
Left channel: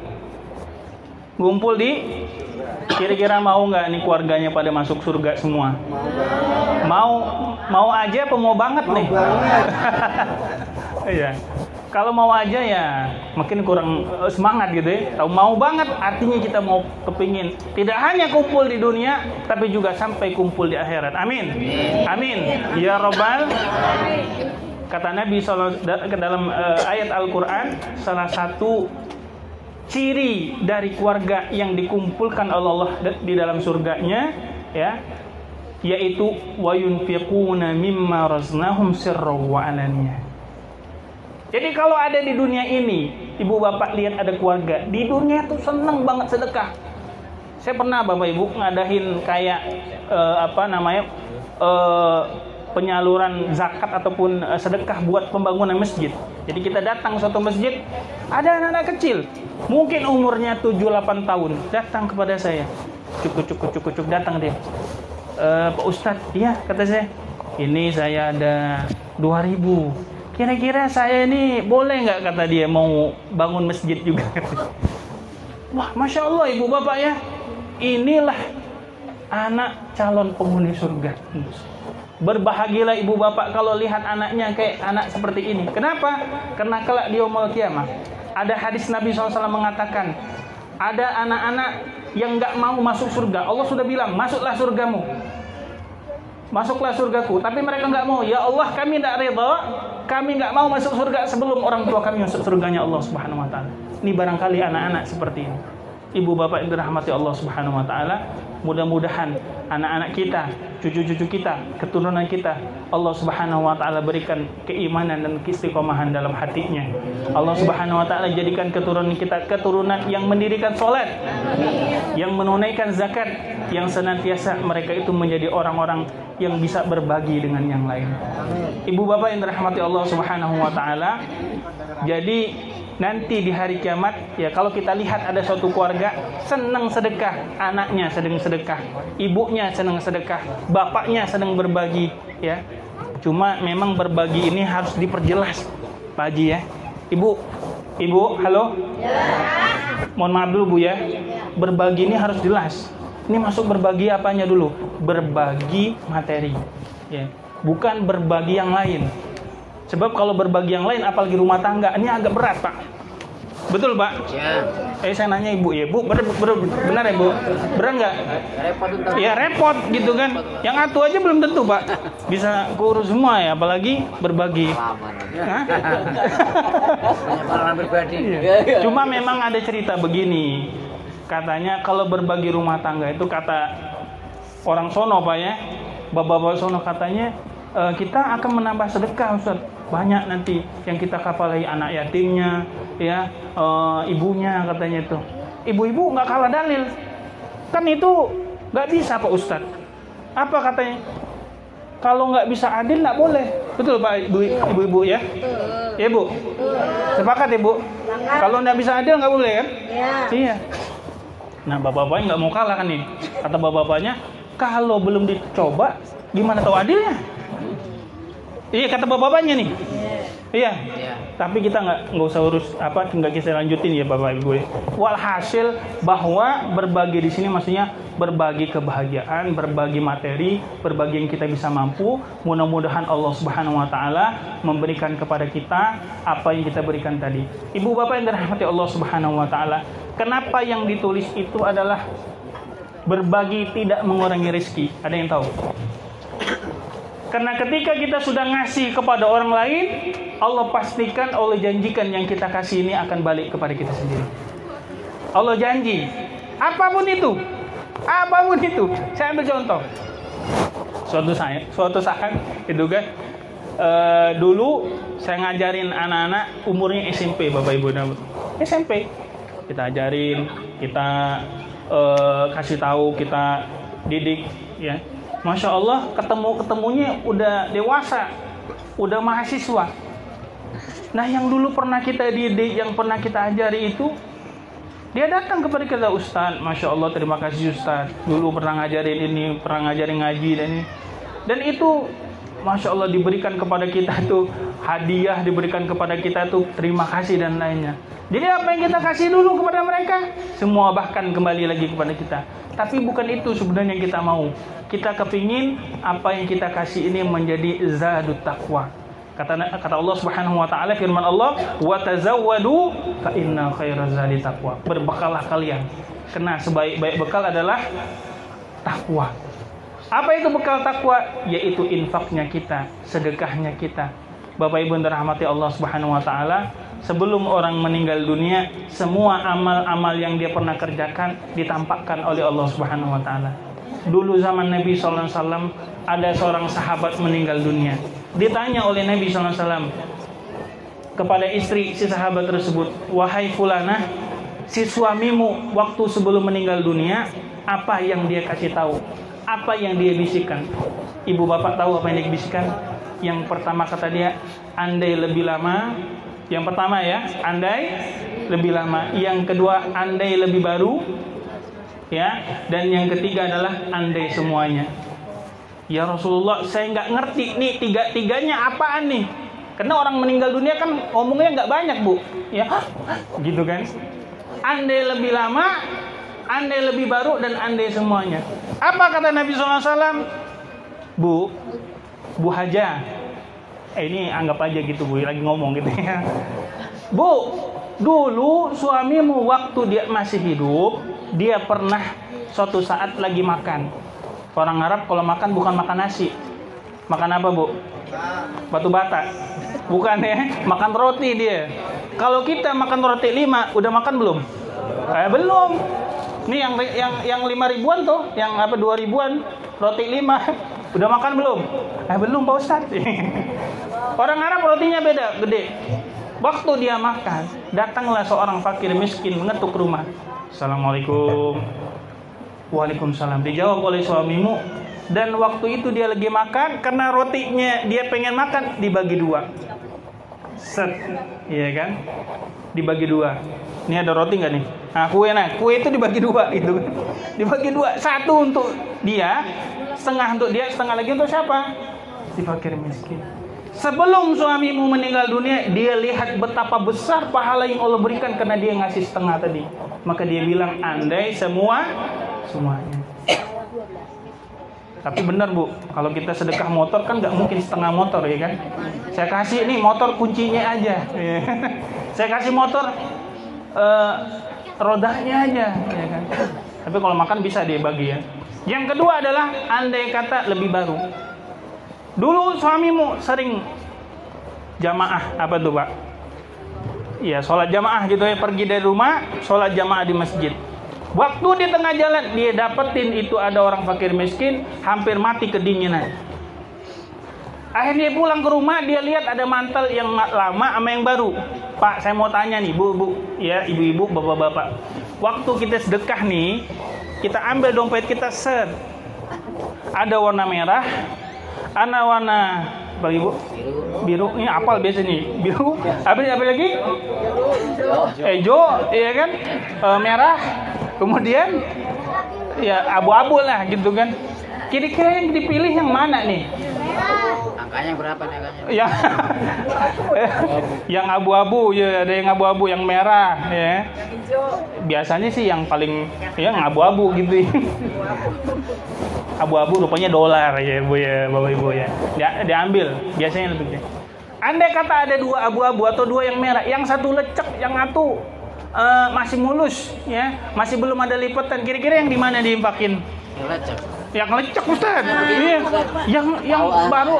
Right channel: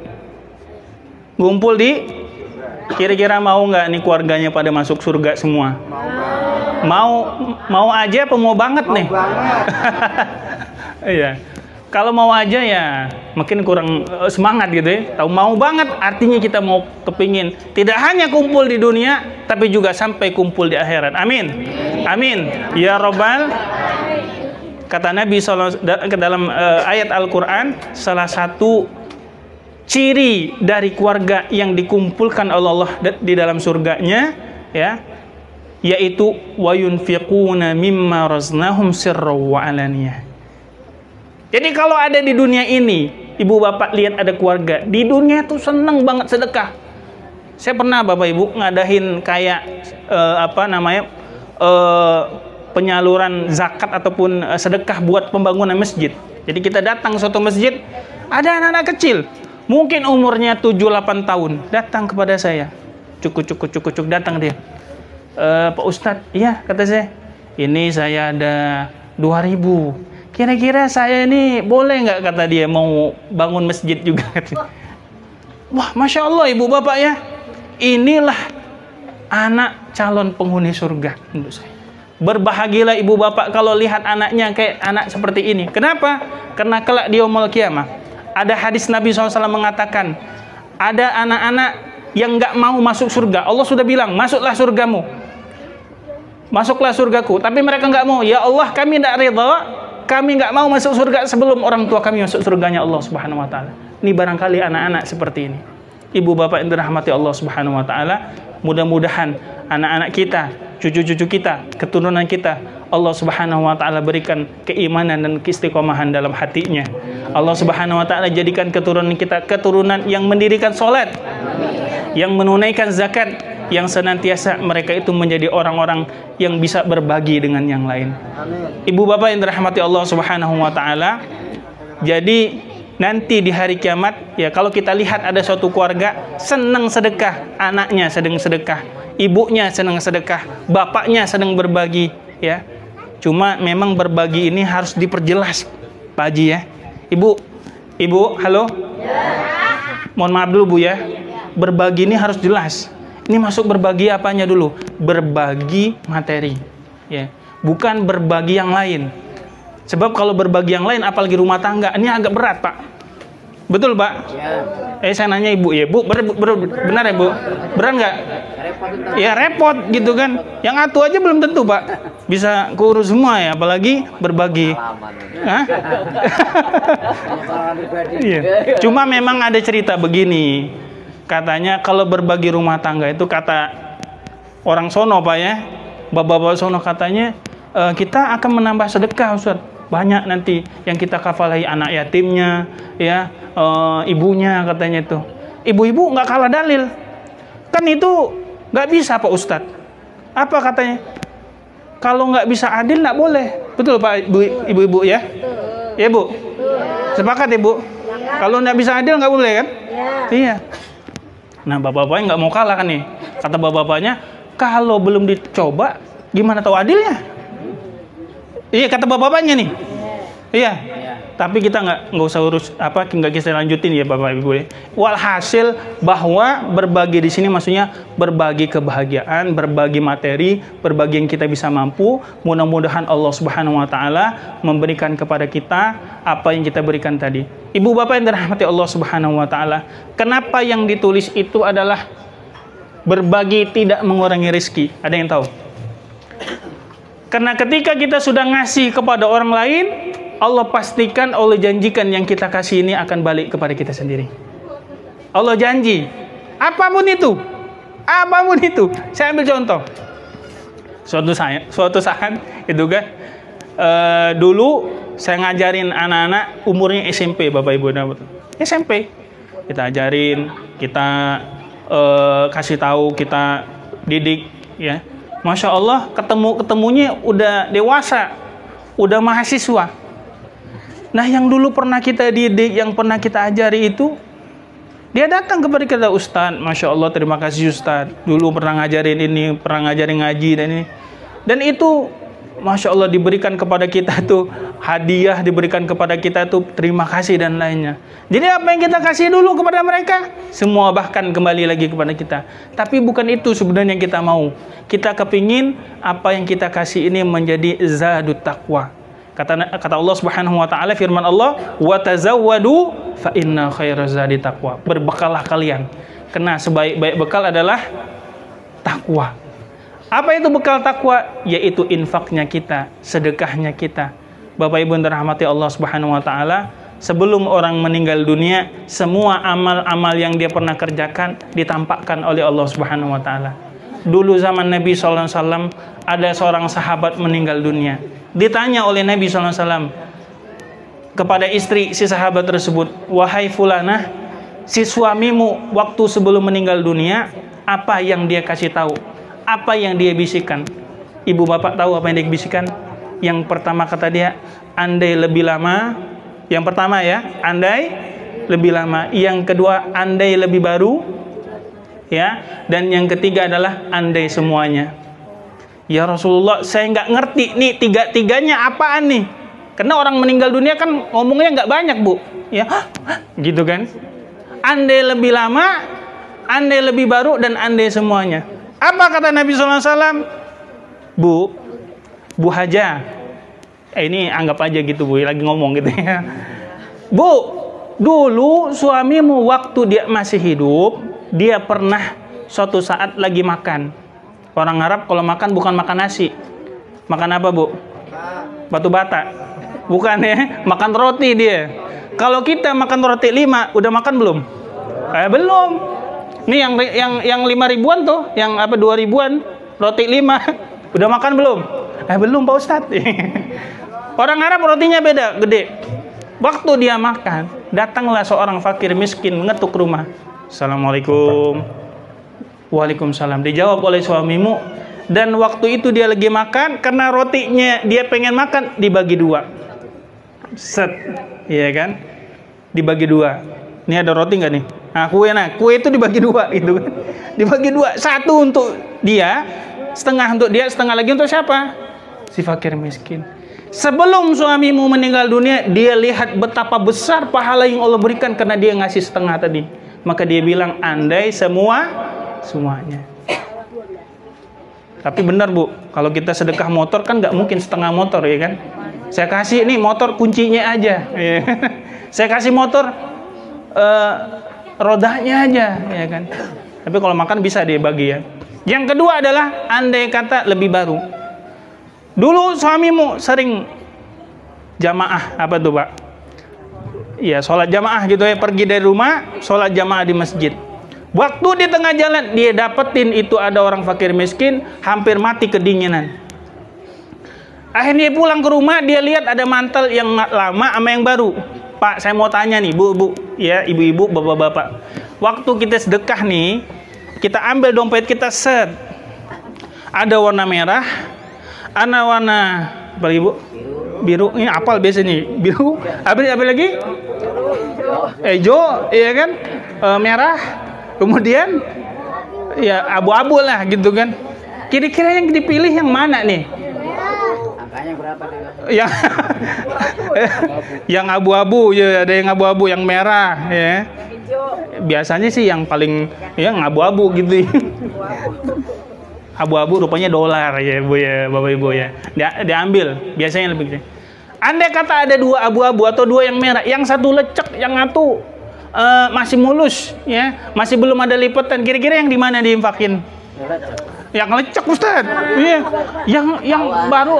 ngumpul di Kira-kira mau nggak nih keluarganya pada masuk surga semua? Mau aja apa mau banget nih? Iya. Kalau mau aja ya mungkin kurang semangat gitu ya. Tahu mau banget artinya kita mau kepingin tidak hanya kumpul di dunia tapi juga sampai kumpul di akhirat. Amin. Amin. Ya Rabbal. Kata Nabi SAW dalam ayat Al-Quran, salah satu ciri dari keluarga yang dikumpulkan oleh Allah di dalam surganya ya, yaitu wa yunfiquna mimma raznahum sirran wa alaniyah. Jadi kalau ada di dunia ini, ibu bapak lihat ada keluarga di dunia itu seneng banget sedekah. Saya pernah bapak ibu ngadain kayak penyaluran zakat ataupun sedekah buat pembangunan masjid. Jadi kita datang suatu masjid, ada anak-anak kecil, mungkin umurnya 7-8 tahun, datang kepada saya. Cuk datang dia. Pak Ustadz, iya kata saya, ini saya ada 2.000. Kira-kira saya ini boleh nggak, kata dia, mau bangun masjid juga. Wah, Masya Allah ibu bapak ya, inilah anak calon penghuni surga menurut saya. Berbahagialah ibu bapak kalau lihat anaknya kayak anak seperti ini. Kenapa? Karena kelak di yaumul qiyamah ada hadis Nabi SAW mengatakan, ada anak-anak yang nggak mau masuk surga. Allah sudah bilang, masuklah surgamu, masuklah surgaku, tapi mereka nggak mau. Ya Allah, kami tidak ridha, kami nggak mau masuk surga sebelum orang tua kami masuk surganya Allah Subhanahu Wa Taala. Ini barangkali anak-anak seperti ini. Ibu bapak yang dirahmati Allah Subhanahu Wa Taala, mudah-mudahan anak-anak kita, cucu-cucu kita, keturunan kita, Allah Subhanahu Wa Taala berikan keimanan dan keistiqomahan dalam hatinya. Allah Subhanahu Wa Taala jadikan keturunan kita keturunan yang mendirikan sholat, yang menunaikan zakat, yang senantiasa mereka itu menjadi orang-orang yang bisa berbagi dengan yang lain. Ibu bapak yang dirahmati Allah Subhanahu Wa Taala, jadi nanti di hari kiamat ya, kalau kita lihat ada suatu keluarga senang sedekah, anaknya sedang sedekah, ibunya senang sedekah, bapaknya sedang berbagi ya. Cuma memang berbagi ini harus diperjelas Pak Haji ya. Ibu, halo? Mohon maaf dulu Bu ya. Berbagi ini harus jelas. Ini masuk berbagi apanya dulu? Berbagi materi ya, bukan berbagi yang lain. Sebab kalau berbagi yang lain, apalagi rumah tangga, ini agak berat Pak. Betul Pak? Ya. Saya nanya Ibu ya, Bu, benar ya Bu? Berat nggak? Ya repot gitu kan. Yang atu aja belum tentu Pak bisa keurus semua ya, apalagi berbagi. Iya. Cuma memang ada cerita begini. Katanya kalau berbagi rumah tangga itu, kata orang sono Pak ya, bapak-bapak sono katanya, kita akan menambah sedekah Ustaz. Banyak nanti yang kita kafalahi anak yatimnya ya, ibunya katanya itu. Ibu-ibu nggak kalah dalil. Kan itu nggak bisa Pak Ustadz. Apa katanya? Kalau nggak bisa adil nggak boleh. Betul Pak ibu-ibu ya? Ya Bu? Sepakat ya Bu? Kalau nggak bisa adil nggak boleh kan? Iya. Nah bapak-bapaknya nggak mau kalah kan nih. Kata bapak-bapaknya, kalau belum dicoba gimana tahu adilnya? Iya kata bapak-bapaknya nih. Iya. Tapi kita nggak usah urus nggak kita lanjutin ya Bapak Ibu. Walhasil bahwa berbagi di sini maksudnya berbagi kebahagiaan, berbagi materi, berbagi yang kita bisa mampu. Mudah-mudahan Allah Subhanahu Wa Taala memberikan kepada kita apa yang kita berikan tadi. Ibu bapak yang dirahmati Allah Subhanahu Wa Taala, kenapa yang ditulis itu adalah berbagi tidak mengurangi rezeki? Ada yang tahu? Karena ketika kita sudah ngasih kepada orang lain, Allah pastikan, Allah janjikan yang kita kasih ini akan balik kepada kita sendiri. Allah janji, apapun itu. Saya ambil contoh. Suatu saat itu kan, dulu saya ngajarin anak-anak umurnya SMP, Bapak Ibu. SMP. Kita ajarin, kita kasih tahu, kita didik ya. Masya Allah, ketemunya udah dewasa, udah mahasiswa. Nah yang dulu pernah kita didik, yang pernah kita ajari itu, dia datang kepada kita, Ustadz, Masya Allah terima kasih Ustadz, dulu pernah ngajarin ini, pernah ngajarin ngaji dan ini. Dan itu Masya Allah diberikan kepada kita tuh hadiah diberikan kepada kita tuh terima kasih dan lainnya. Jadi apa yang kita kasih dulu kepada mereka, semua bahkan kembali lagi kepada kita. Tapi bukan itu sebenarnya yang kita mau. Kita kepingin apa yang kita kasih ini menjadi zadut taqwa. Kata Allah Subhanahu wa taala, firman Allah, "Wa tazawwadu fa inna khairaz zadi taqwa." Berbekallah kalian, karena sebaik-baik bekal adalah takwa. Apa itu bekal takwa? Yaitu infaknya kita, sedekahnya kita. Bapak Ibu yang dirahmati Allah Subhanahu wa taala, sebelum orang meninggal dunia, semua amal-amal yang dia pernah kerjakan ditampakkan oleh Allah Subhanahu wa taala. Dulu zaman Nabi sallallahu alaihi wasallam ada seorang sahabat meninggal dunia. Ditanya oleh Nabi sallallahu alaihi wasallam kepada istri si sahabat tersebut, "Wahai fulanah, si suamimu waktu sebelum meninggal dunia, apa yang dia kasih tahu? Apa yang dia bisikan?" Ibu bapak tahu apa yang dia bisikan? Yang pertama kata dia, andai lebih lama. Yang pertama ya, andai lebih lama. Yang kedua, andai lebih baru. Ya, dan yang ketiga adalah andai semuanya. Ya Rasulullah, saya nggak ngerti nih tiga-tiganya apaan nih? Karena orang meninggal dunia kan ngomongnya nggak banyak, Bu. Ya, gitu kan? Andai lebih lama, andai lebih baru, dan andai semuanya. Apa kata Nabi SAW? Bu Haja, ini anggap aja gitu Bu, lagi ngomong gitu ya. Bu, dulu suamimu waktu dia masih hidup, dia pernah suatu saat lagi makan. Orang Arab kalau makan bukan makan nasi. Makan apa Bu? Batu bata. Bukan ya, makan roti dia. Kalau kita makan roti 5, udah makan belum? Belum. Ini yang 5 ribuan tuh, yang apa 2 ribuan, roti 5. Udah makan belum? Belum Pak Ustadz. Orang Arab rotinya beda, gede. Waktu dia makan, datanglah seorang fakir miskin ngetuk rumah. Assalamualaikum. Waalaikumsalam. Dijawab oleh suamimu. Dan waktu itu dia lagi makan, karena rotinya dia pengen makan, dibagi 2. Set, iya kan? Dibagi 2. Ini ada roti nggak nih? Kue itu dibagi 2 itu. Dibagi 2, 1 untuk dia, setengah untuk dia, setengah lagi untuk siapa? Si fakir miskin. Sebelum suamimu meninggal dunia, dia lihat betapa besar pahala yang Allah berikan karena dia ngasih setengah tadi. Maka dia bilang, andai semuanya. Tapi benar Bu, kalau kita sedekah motor kan nggak mungkin setengah motor ya kan? Saya kasih nih motor kuncinya aja. Saya kasih motor rodanya aja, ya kan? Tapi kalau makan bisa dia bagi ya. Yang kedua adalah andai kata lebih baru. Dulu suamimu sering jamaah, apa tuh Pak? Ya, sholat jamaah gitu ya, pergi dari rumah, sholat jamaah di masjid. Waktu di tengah jalan, dia dapetin itu ada orang fakir miskin, hampir mati kedinginan. Akhirnya pulang ke rumah, dia lihat ada mantel yang lama sama yang baru. Pak, saya mau tanya nih, Bu, ya, ibu-ibu, bapak-bapak. Waktu kita sedekah nih, kita ambil dompet kita set. Ada warna merah, ada warna apa Ibu? Biru. Ini apal biasanya. Biru. Apa lagi? Hijau, iya kan? Merah. Kemudian ya abu-abu lah gitu kan. Kira-kira yang dipilih yang mana nih? Angkanya berapa nih? Yang abu-abu ya, ada yang abu-abu, yang merah ya. Biasanya sih yang paling yang abu-abu gitu. Abu-abu rupanya dolar ya Bu ya, Bapak Ibu ya. Diambil biasanya lebih gede. Andai kata ada 2 abu-abu atau 2 yang merah, yang satu lecek, yang satu masih mulus ya, masih belum ada lipatan. Kira-kira yang di mana diinfakin? Yang lecek Ustaz. Iya. Yang baru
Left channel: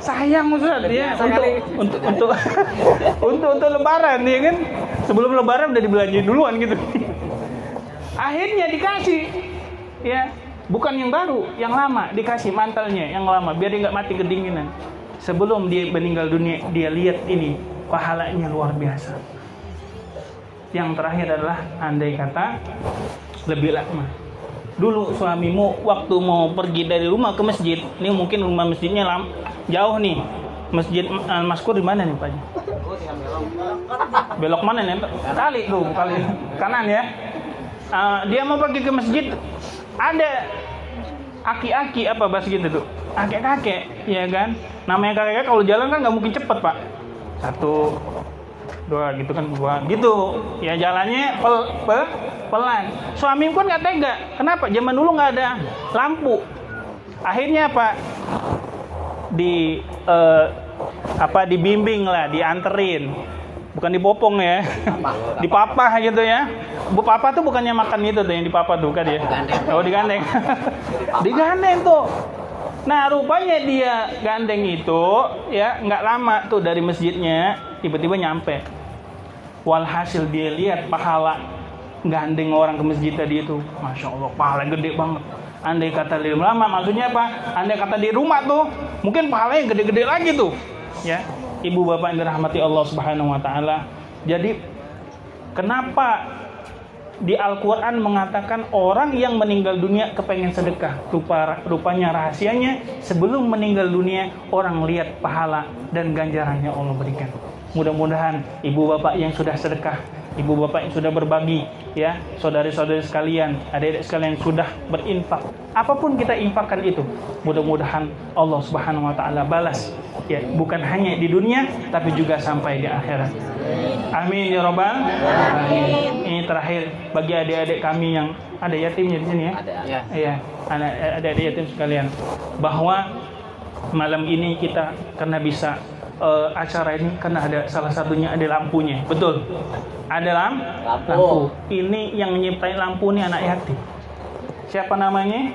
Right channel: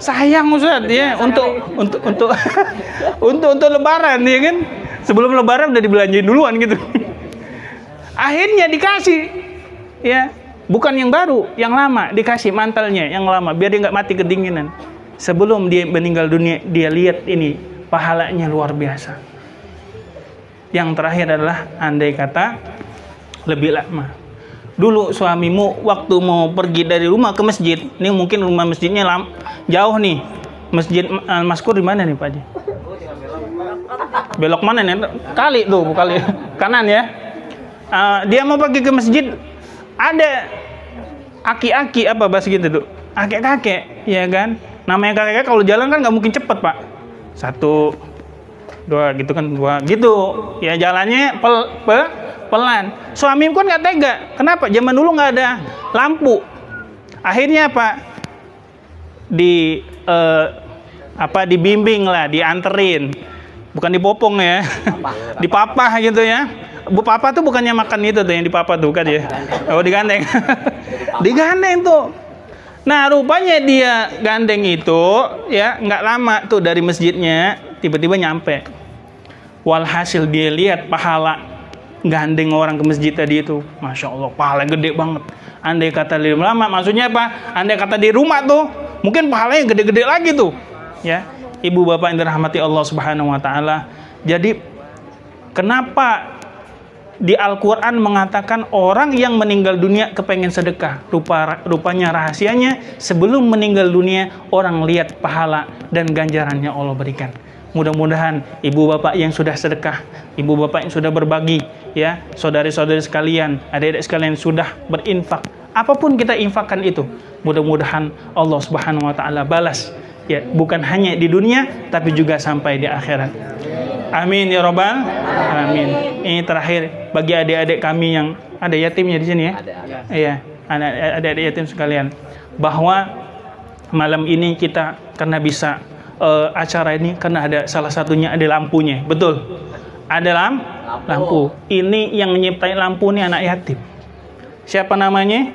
sayang Ustaz ya, untuk lebaran ya kan. Sebelum lebaran udah dibelanjain duluan gitu. Akhirnya dikasih ya. Bukan yang baru, yang lama dikasih mantelnya yang lama biar dia nggak mati kedinginan. Sebelum dia meninggal dunia, dia lihat ini pahalanya luar biasa. Yang terakhir adalah andai kata lebih lama. Dulu suamimu waktu mau pergi dari rumah ke masjid, ini mungkin rumah masjidnya jauh nih. Masjid Al-Maskur di mana nih Pak Haji? Belok mana nih? Kali kanan ya. Dia mau pergi ke masjid. Ada aki-aki apa bahasa gitu tuh, kakek-kakek ya kan, Namanya kakek kalau jalan kan nggak mungkin cepet Pak. 1, 2 gitu kan, 2 gitu. Ya jalannya pelan. Suami pun nggak tega. Kenapa? Zaman dulu nggak ada lampu. Akhirnya Pak dibimbing lah, dianterin. Bukan dipopong ya. Dipapah gitu ya. Bu papa tuh bukannya makan itu tuh yang dipapah tuh kan ya. Oh, digandeng. Digandeng tuh. Nah, rupanya dia gandeng itu ya nggak lama tuh dari masjidnya tiba-tiba nyampe. Walhasil dia lihat pahala gandeng orang ke masjid tadi itu. Masya Allah, pahala gede banget. Andai kata di lama, maksudnya apa? Andai kata di rumah tuh, mungkin pahalanya gede-gede lagi tuh. Ya, ibu bapak yang dirahmati Allah Subhanahu Wa Taala. Jadi, kenapa di Al-Quran mengatakan orang yang meninggal dunia kepengen sedekah? Rupanya rahasianya sebelum meninggal dunia orang lihat pahala dan ganjarannya Allah berikan. Mudah-mudahan ibu bapak yang sudah sedekah, ibu bapak yang sudah berbagi, ya, saudari-saudari sekalian, adik-adik sekalian sudah berinfak. Apapun kita infakkan itu, mudah-mudahan Allah Subhanahu Wa Taala balas, ya, bukan hanya di dunia tapi juga sampai di akhirat. Amin ya robbal alamin. Ini terakhir bagi adik-adik kami yang ada yatimnya di sini ya. Iya, adik-adik yatim sekalian, bahwa malam ini kita karena bisa acara ini karena ada salah satunya ada lampunya. Betul. Ada lampu. Ini yang nyiptain lampu ini anak yatim. Siapa namanya?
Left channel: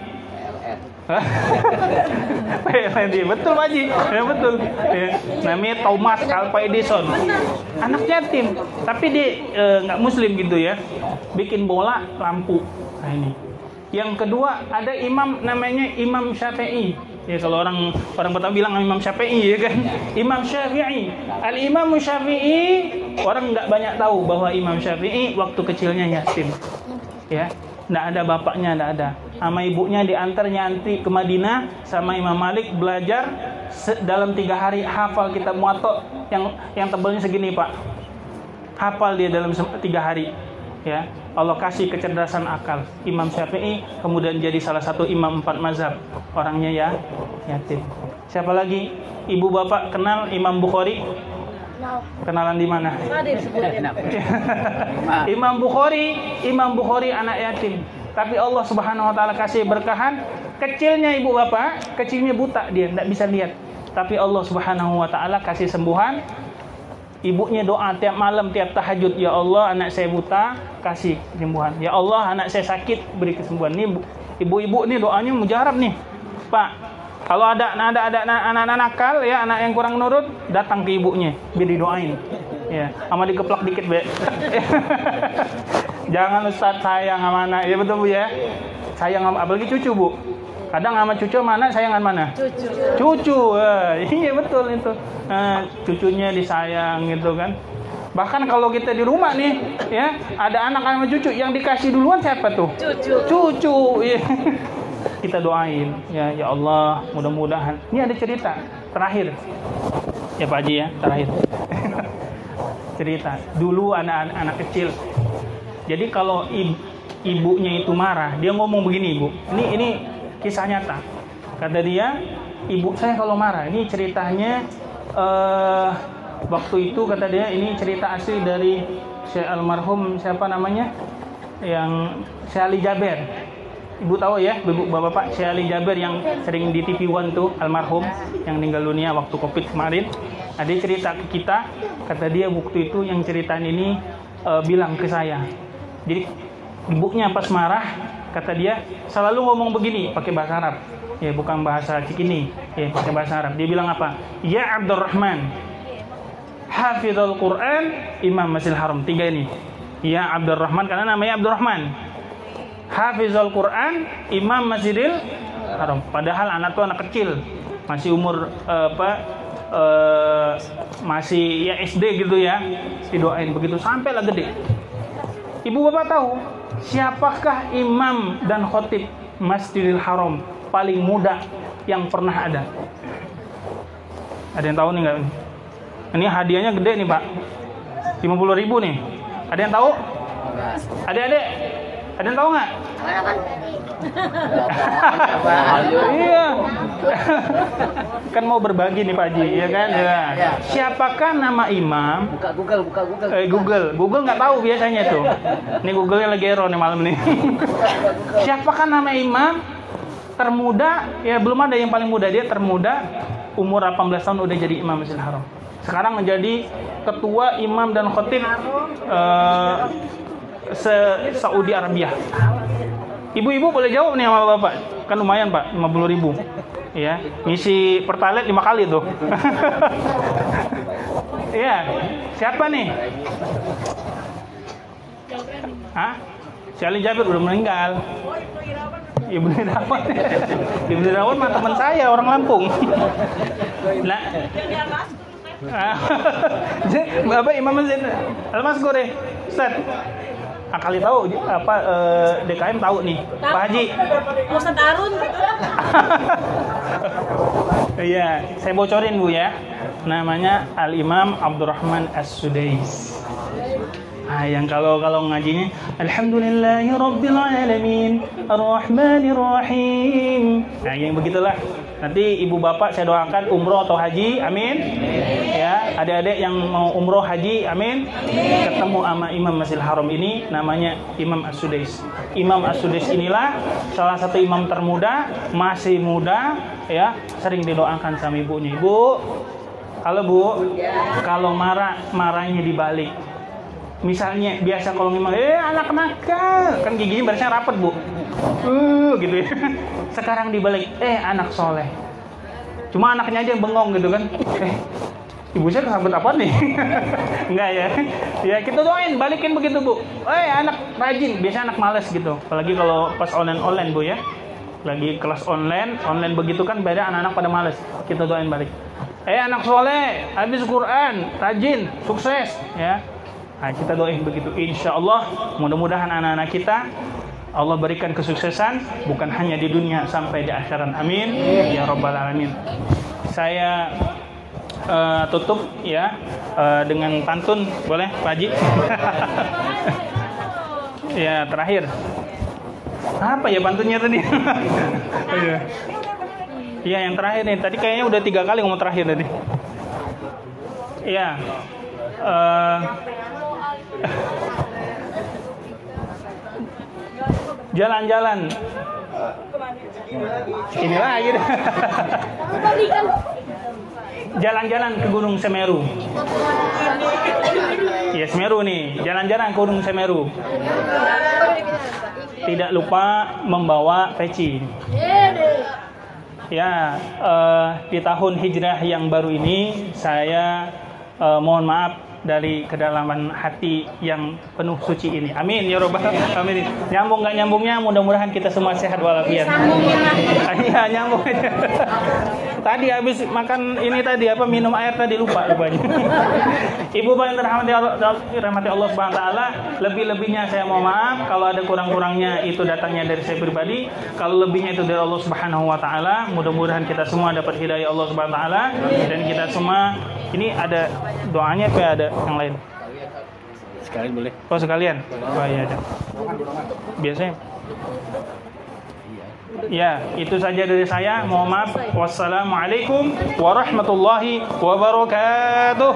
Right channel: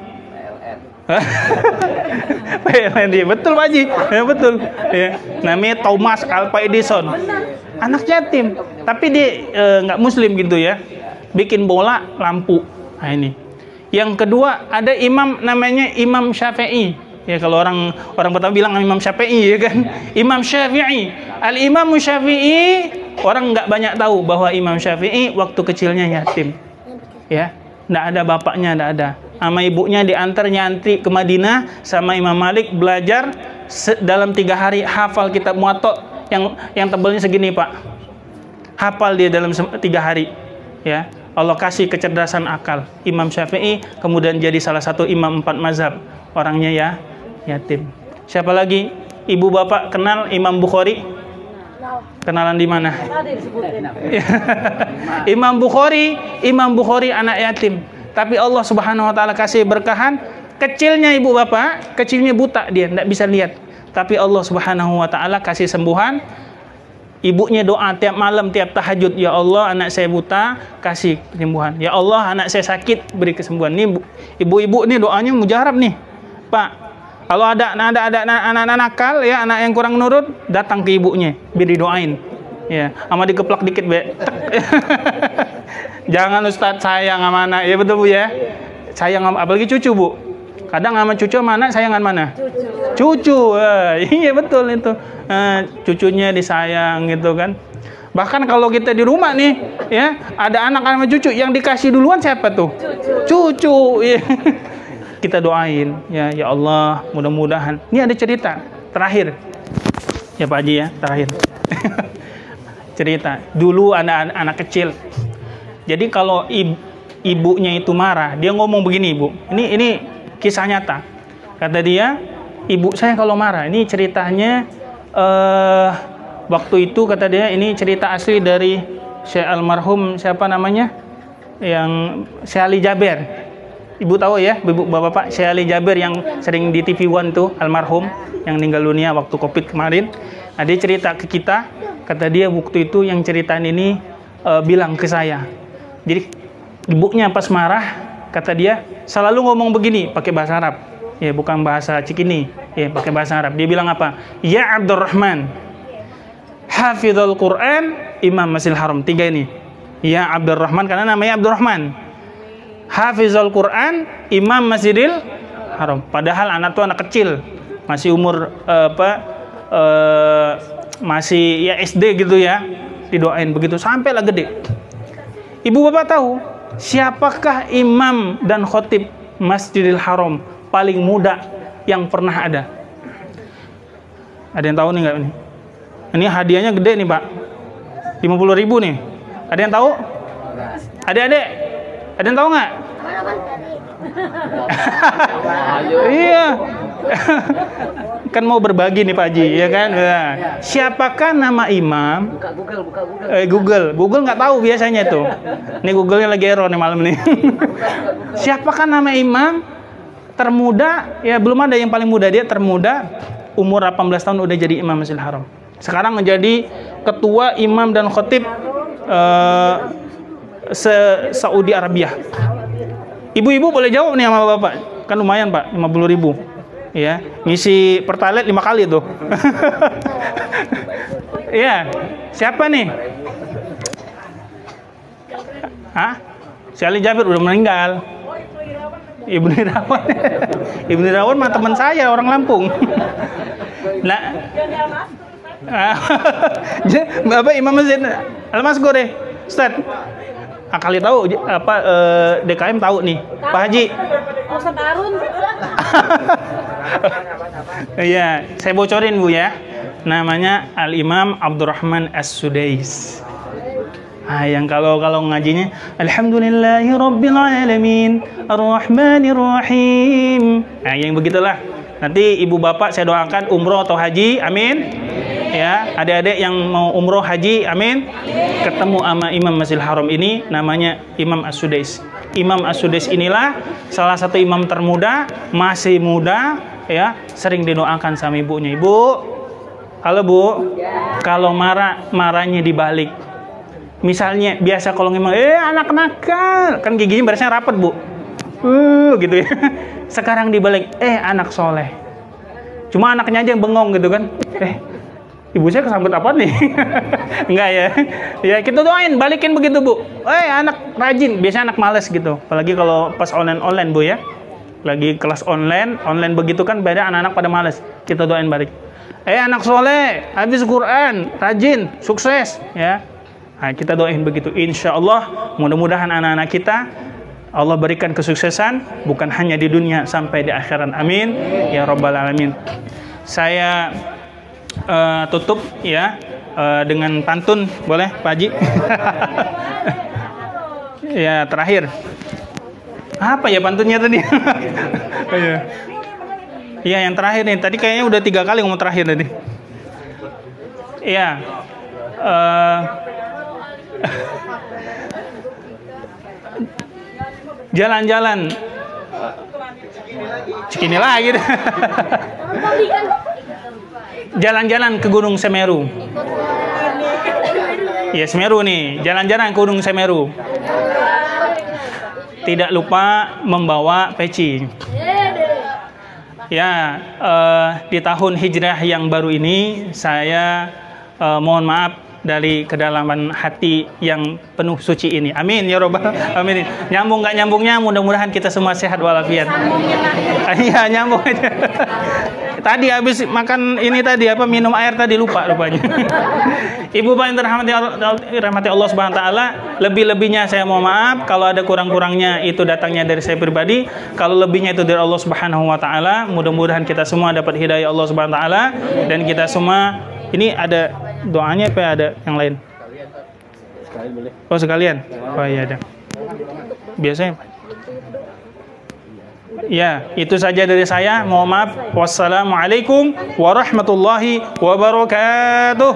PLN. Betul Pak Haji. Ya betul. Ya. Namanya Thomas Alva Edison. Anak yatim, tapi dia nggak muslim gitu ya. Bikin bola lampu. Nah ini. Yang kedua ada imam namanya Imam Syafi'i. Ya kalau orang pertama bilang Imam Syafi'i ya kan. Imam Syafi'i. Al-Imam Syafi'i, orang nggak banyak tahu bahwa Imam Syafi'i waktu kecilnya yatim. Ya. Nggak ada bapaknya, nggak ada. Sama ibunya diantar nyantri ke Madinah sama Imam Malik belajar dalam 3 hari hafal kitab Muwatta yang tebalnya segini Pak. Hafal dia dalam 3 hari. Ya, Allah kasih kecerdasan akal. Imam Syafi'i kemudian jadi salah satu imam 4 mazhab. Orangnya ya yatim. Siapa lagi? Ibu bapak kenal Imam Bukhari? Kenalan di mana? Imam Bukhari anak yatim. Tapi Allah Subhanahu Wa Taala kasih berkahan. Kecilnya ibu bapak, kecilnya buta dia, tidak bisa lihat. Tapi Allah Subhanahu Wa Taala kasih sembuhan. Ibunya doa tiap malam, tiap tahajud, ya Allah anak saya buta, kasih kesembuhan. Ya Allah anak saya sakit, beri kesembuhan. Nih ibu-ibu nih doanya mujarab nih, Pak. Kalau ada anak-anak nakal ya, anak yang kurang nurut, datang ke ibunya, biar didoain. Ya, sama dikeplak dikit, Be. Jangan Ustadz sayang sama anak. Ya betul Bu ya. Sayang apalagi cucu, Bu. Kadang sama cucu sama anak sayangan mana? Cucu. Iya betul itu. Cucunya disayang gitu kan. Bahkan kalau kita di rumah nih, ya, ada anak sama cucu yang dikasih duluan siapa tuh? Cucu. Iya. Kita doain, ya Allah, mudah-mudahan. Ini ada cerita terakhir. Ya Pak Haji ya, terakhir. Cerita. Dulu ada anak kecil. Jadi kalau ibunya itu marah, dia ngomong begini, Ibu. Ini kisah nyata. Kata dia, ibu saya kalau marah, ini ceritanya waktu itu kata dia, ini cerita asli dari Syekh almarhum siapa namanya? Yang Syekh Ali Jaber. Ibu tahu ya, Bapak Syekh Ali Jaber yang sering di TV One tuh, almarhum yang meninggal dunia waktu Covid kemarin. Nah, dia cerita ke kita, kata dia waktu itu yang ceritaan ini bilang ke saya. Jadi ibunya pas marah, kata dia selalu ngomong begini pakai bahasa Arab. Ya, bukan bahasa Cikini, ya pakai bahasa Arab. Dia bilang apa? Ya Abdurrahman, Hafizul Quran, Imam Masjidil Haram. 3 ini. Ya Abdurrahman karena namanya Abdurrahman. Hafizul Quran, Imam Masjidil Haram. Padahal anak tuh anak kecil, masih umur masih ya SD gitu ya. Didoain begitu sampailah gede. Ibu bapak tahu siapakah imam dan khotib Masjidil Haram paling muda yang pernah ada? Ada yang tahu nih nggak nih? Ini hadiahnya gede nih Pak, 50.000 nih. Ada yang tahu? Adik-adik, ada yang tahu nggak? Iya, Kan mau berbagi nih Pak Haji, ya kan? Nah, siapakah nama imam? Buka Google. Google nggak tahu biasanya tuh. Ini Google-nya lagi error nih malam nih. Siapakah nama imam termuda? Ya belum ada yang paling muda, dia termuda, umur 18 tahun udah jadi imam Masjidil Haram. Sekarang menjadi ketua imam dan khatib Saudi Arabia. Ibu-ibu boleh jawab nih sama Bapak. Kan lumayan Pak, 50.000. Ya, ngisi pertalite 5 kali tuh. Iya, siapa nih? Hah? Si Ali Jabir udah meninggal. Ibnu Irawan. Ibnu Irawan mah teman saya, orang Lampung. Nah, Bapak Imam Masjid Al-Masghur deh, Ustaz. Kali tahu apa DKM tahu nih, Pak Haji. Ustaz Arun. Iya, saya bocorin Bu ya. Namanya Al-Imam Abdurrahman As-Sudais. Yang kalau ngajinya Alhamdulillahirabbil Ar-Rahmanir Rahim. Nah, yang begitulah. Nanti ibu bapak saya doakan umroh atau haji, amin. Ya, adik-adik yang mau umroh haji, amin. Ketemu sama Imam Masjidil Haram ini, namanya Imam As-Sudais. Imam As-Sudais inilah salah satu imam termuda, masih muda, ya, sering didoakan sama ibunya. Ibu, kalau Bu, kalau marahnya dibalik. Misalnya biasa kalau ngomong, anak nakal, kan giginya biasanya rapet Bu. Gitu ya. Sekarang dibalik, anak soleh. Cuma anaknya aja yang bengong gitu kan. Ibu saya kesambet apa nih? Enggak ya. Ya kita doain, balikin begitu Bu. Anak rajin, biasanya anak males gitu. Apalagi kalau pas online Bu ya. Lagi kelas online begitu kan beda, anak-anak pada males. Kita doain balik. Anak soleh, habis Quran, rajin, sukses ya. Nah, kita doain begitu. Insya Allah mudah-mudahan anak-anak kita Allah berikan kesuksesan bukan hanya di dunia sampai di akhirat. Amin ya rabbal alamin. Saya tutup ya dengan pantun, boleh Pak Haji? Ya terakhir. Apa ya pantunnya tadi? Iya yang terakhir nih. Tadi kayaknya udah 3 kali ngomong terakhir tadi. Iya. Jalan-jalan Cikini lagi deh. Jalan-jalan ke Gunung Semeru. Ya Semeru nih, jalan-jalan ke Gunung Semeru. Tidak lupa membawa peci. Ya, di tahun hijrah yang baru ini saya mohon maaf dari kedalaman hati yang penuh suci ini. Amin ya robbal alamin. Nyambung nggak nyambungnya, mudah-mudahan kita semua sehat walafiat. Iya nyambung aja. Tadi habis makan ini tadi minum air tadi rupanya. Ibu bapak yang dirahmati Allah Subhanahu wa taala, lebih-lebihnya saya mohon maaf. Kalau ada kurang-kurangnya itu datangnya dari saya pribadi. Kalau lebihnya itu dari Allah Subhanahu wa taala. Mudah-mudahan kita semua dapat hidayah Allah Subhanahu wa taala dan kita semua ini ada doanya apa ada yang lain? Sekalian boleh. Oh sekalian? Oh iya ada. Biasanya. Ya, itu saja dari saya. Mohon maaf. Wassalamualaikum warahmatullahi wabarakatuh.